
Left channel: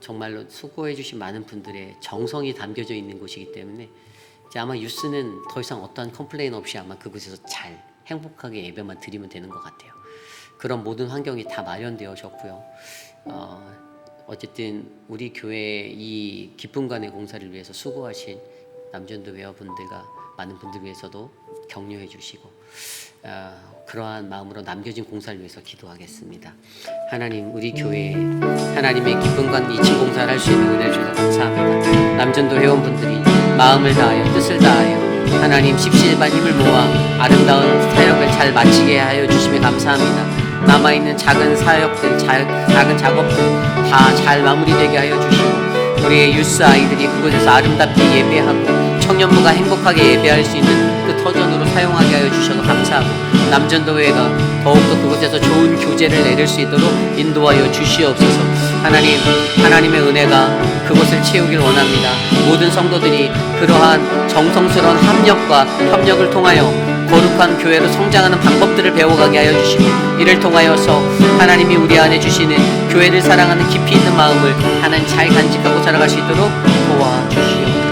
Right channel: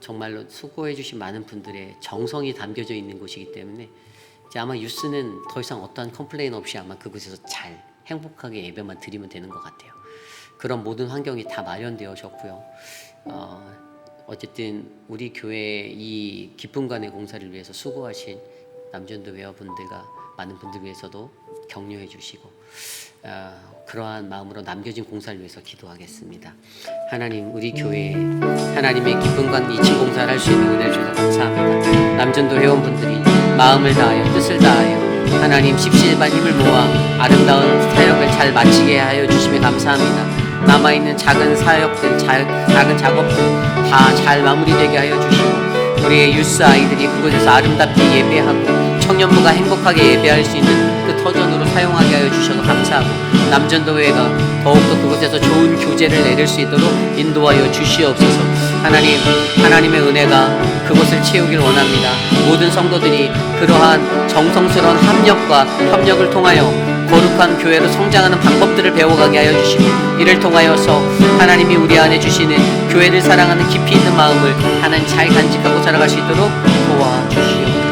정말로 수고해 주신 많은 분들의 정성이 담겨져 있는 곳이기 때문에 이제 아마 유스는 더 이상 어떠한 컴플레인 없이 아마 그곳에서 잘 행복하게 예배만 드리면 되는 것 같아요. 그런 모든 환경이 다 마련되어졌고요. 어쨌든 우리 교회 이 기쁨관의 공사를 위해서 수고하신 남전도 회원분들과 많은 분들 위해서도 격려해 주시고 그러한 마음으로 남겨진 공사를 위해서 기도하겠습니다. 하나님 우리 교회에 하나님의 기쁨관 2층 공사를 할 수 있는 은혜를 주셔서 감사합니다. 남전도 회원분들이 마음을 다하여 뜻을 다하여 하나님 십시일반 힘을 모아 아름다운 사역을 잘 마치게 하여 주시며 감사합니다. 남아있는 작은 사역들 작은 작업들 다 잘 마무리되게 하여 주시고 우리 우리의 유스 아이들이 그곳에서 아름답게 예배하고 청년부가 행복하게 예배할 수 있는 그 터전으로 사용하게 하여 주셔서 감사하고 남전도회가 더욱더 그곳에서 좋은 교제를 내릴 수 있도록 인도하여 주시옵소서. 하나님, 하나님의 은혜가 그곳을 채우길 원합니다. 모든 성도들이 그러한 정성스러운 합력과 협력을 통하여 거룩한 교회로 성장하는 방법들을 배워가게 하여 주시고 이를 통하여서 하나님이 우리 안에 주시는 교회를 사랑하는 깊이 있는 마음을 하나님 잘 간직하고 자라갈 수 있도록 도와주시옵소서.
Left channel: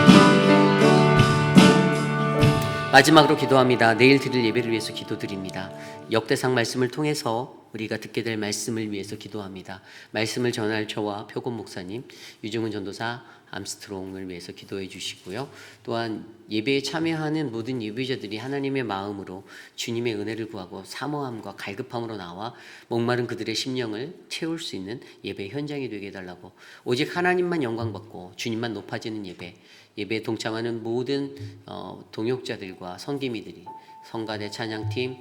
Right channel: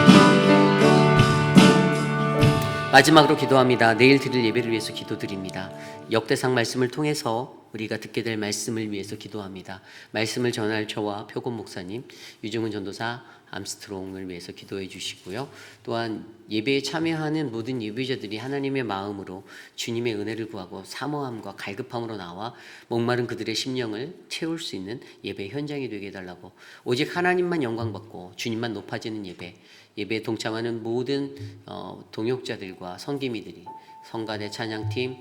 마지막으로 기도합니다. 내일 드릴 예배를 위해서 기도드립니다. 역대상 말씀을 통해서 우리가 듣게 될 말씀을 위해서 기도합니다. 말씀을 전할 저와 표곤 목사님, 유중훈 전도사, 암스트롱을 위해서 기도해 주시고요. 또한 예배에 참여하는 모든 예배자들이 하나님의 마음으로 주님의 은혜를 구하고 사모함과 갈급함으로 나와 목마른 그들의 심령을 채울 수 있는 예배 현장이 되게 해달라고, 오직 하나님만 영광받고 주님만 높아지는 예배에 동참하는 모든 동역자들과 성기미들이, 성가대 찬양팀,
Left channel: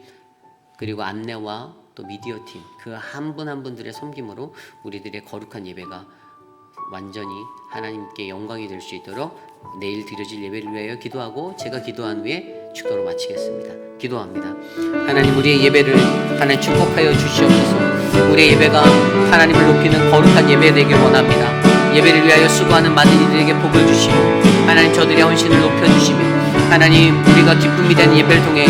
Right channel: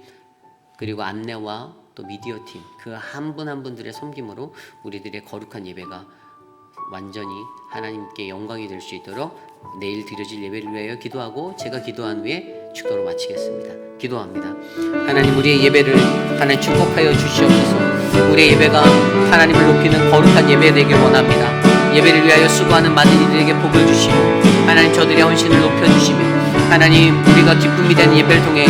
그리고 안내와 또 미디어팀, 그 한 분 한 분들의 섬김으로 우리들의 거룩한 예배가 완전히 하나님께 영광이 될 수 있도록 내일 드려질 예배를 위하여 기도하고 제가 기도한 후에 축도로 마치겠습니다. 기도합니다. 하나님, 우리의 예배를 하나님 축복하여 주시옵소서. 우리의 예배가 하나님을 높이는 거룩한 예배 되길 원합니다. 예배를 위하여 수고하는 많은 이들에게 복을 주시고 하나님 저들의 헌신을 높여주시며 하나님 우리가 기쁨이 되는 예배를 통해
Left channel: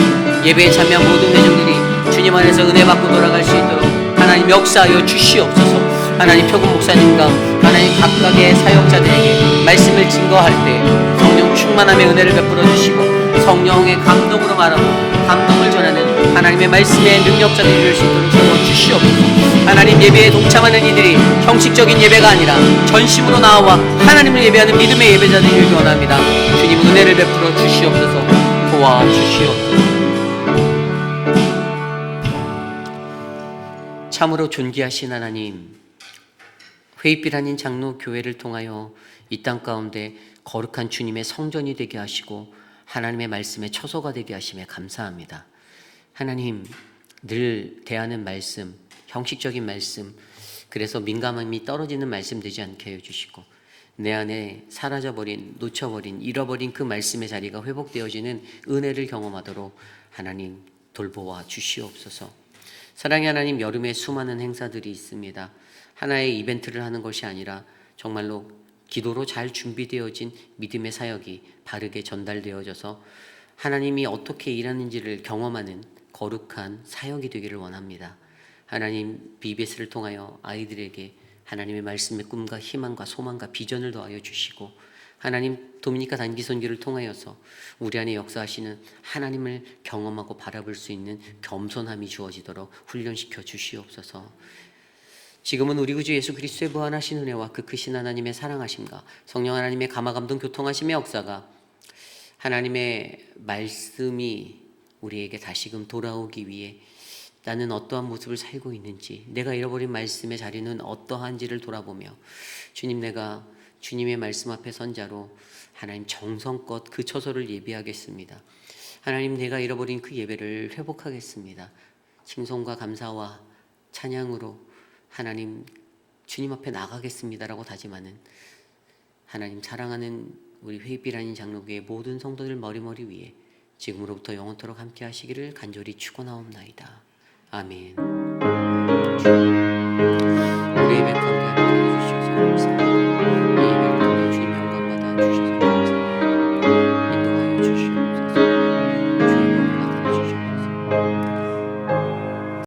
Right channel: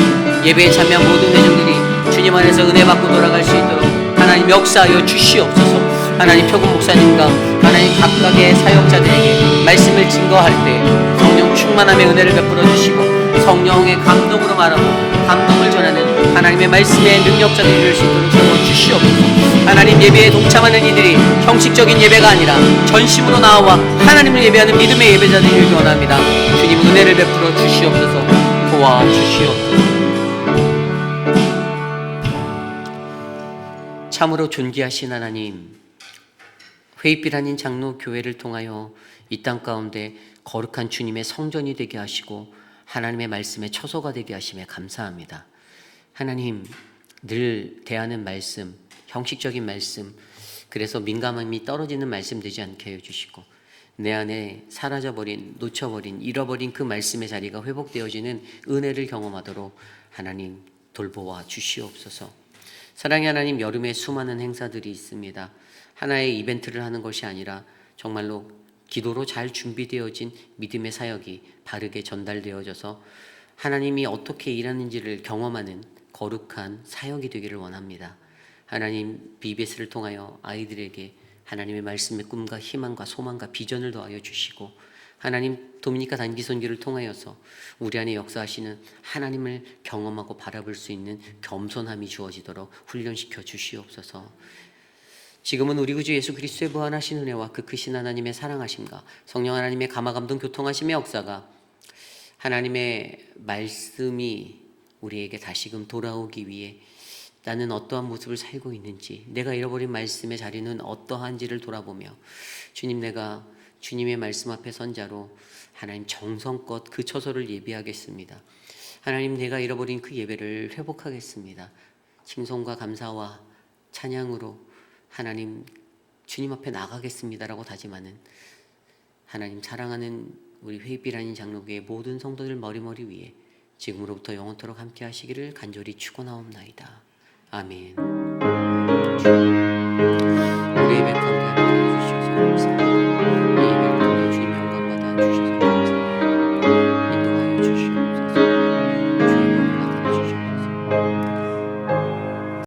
예배에 참여한 모든 대중들이 주님 안에서 은혜 받고 돌아갈 수 있도록 하나님 역사하여 주시옵소서. 하나님 표곤 목사님과 하나님 각각의 사역자들에게 말씀을 증거할 때 성령 충만함의 은혜를 베풀어 주시고 성령의 감동으로 말하고 감동을 전하는 하나님의 말씀의 능력자들이 될 수 있도록 도와주시옵소서. 하나님 예배에 동참하는 이들이 형식적인 예배가 아니라 전심으로 나와 하나님을 예배하는 믿음의 예배자들이 되길 원합니다. 주님 은혜를 베풀어 주시옵소서. 도와주시옵소서. 참으로 존귀하신 하나님, 회의빛 아닌 장로 교회를 통하여 이 땅 가운데 거룩한 주님의 성전이 되게 하시고 하나님의 말씀의 처소가 되게 하심에 감사합니다. 하나님, 늘 대하는 말씀, 형식적인 말씀, 그래서 민감함이 떨어지는 말씀 되지 않게 해주시고 내 안에 사라져버린, 놓쳐버린, 잃어버린 그 말씀의 자리가 회복되어지는 은혜를 경험하도록 하나님 돌보아 주시옵소서. 사랑의 하나님, 여름에 수많은 행사들이 있습니다. 하나의 이벤트를 하는 것이 아니라 정말로 기도로 잘 준비되어진 믿음의 사역이 바르게 전달되어져서 하나님이 어떻게 일하는지를 경험하는 거룩한 사역이 되기를 원합니다. 하나님, BBS를 통하여 아이들에게 하나님의 말씀의 꿈과 희망과 소망과 비전을 더하여 주시고 하나님, 도미니카 단기 선교를 통하여서 우리 안에 역사하시는 하나님을 경험하고 바라볼 수 있는 겸손함이 주어지도록 훈련시켜 주시옵소서. 지금은 우리 구주 예수 그리스도의 무한하신 은혜와 그 크신 하나님의 사랑하심과 성령 하나님의 감화감동 교통하심의 역사가 하나님의 말씀이 우리에게 다시금 돌아오기 위해 나는 어떠한 모습을 살고 있는지, 내가 잃어버린 말씀의 자리는 어떠한지를 돌아보며 주님, 내가 주님의 말씀 앞에 선 자로 하나님 정성껏 그 처소를 예배하겠습니다. 하나님, 내가 잃어버린 그 예배를 회복하겠습니다. 칭송과 감사와 찬양으로 하나님 주님 앞에 나가겠습니다라고 다짐하는 하나님 사랑하는 우리 회의빛 아닌 장로교의 모든 성도들 머리머리 위에 지금으로부터 영원토록 함께 하시기를 간절히 축원하옵나이다. 아멘.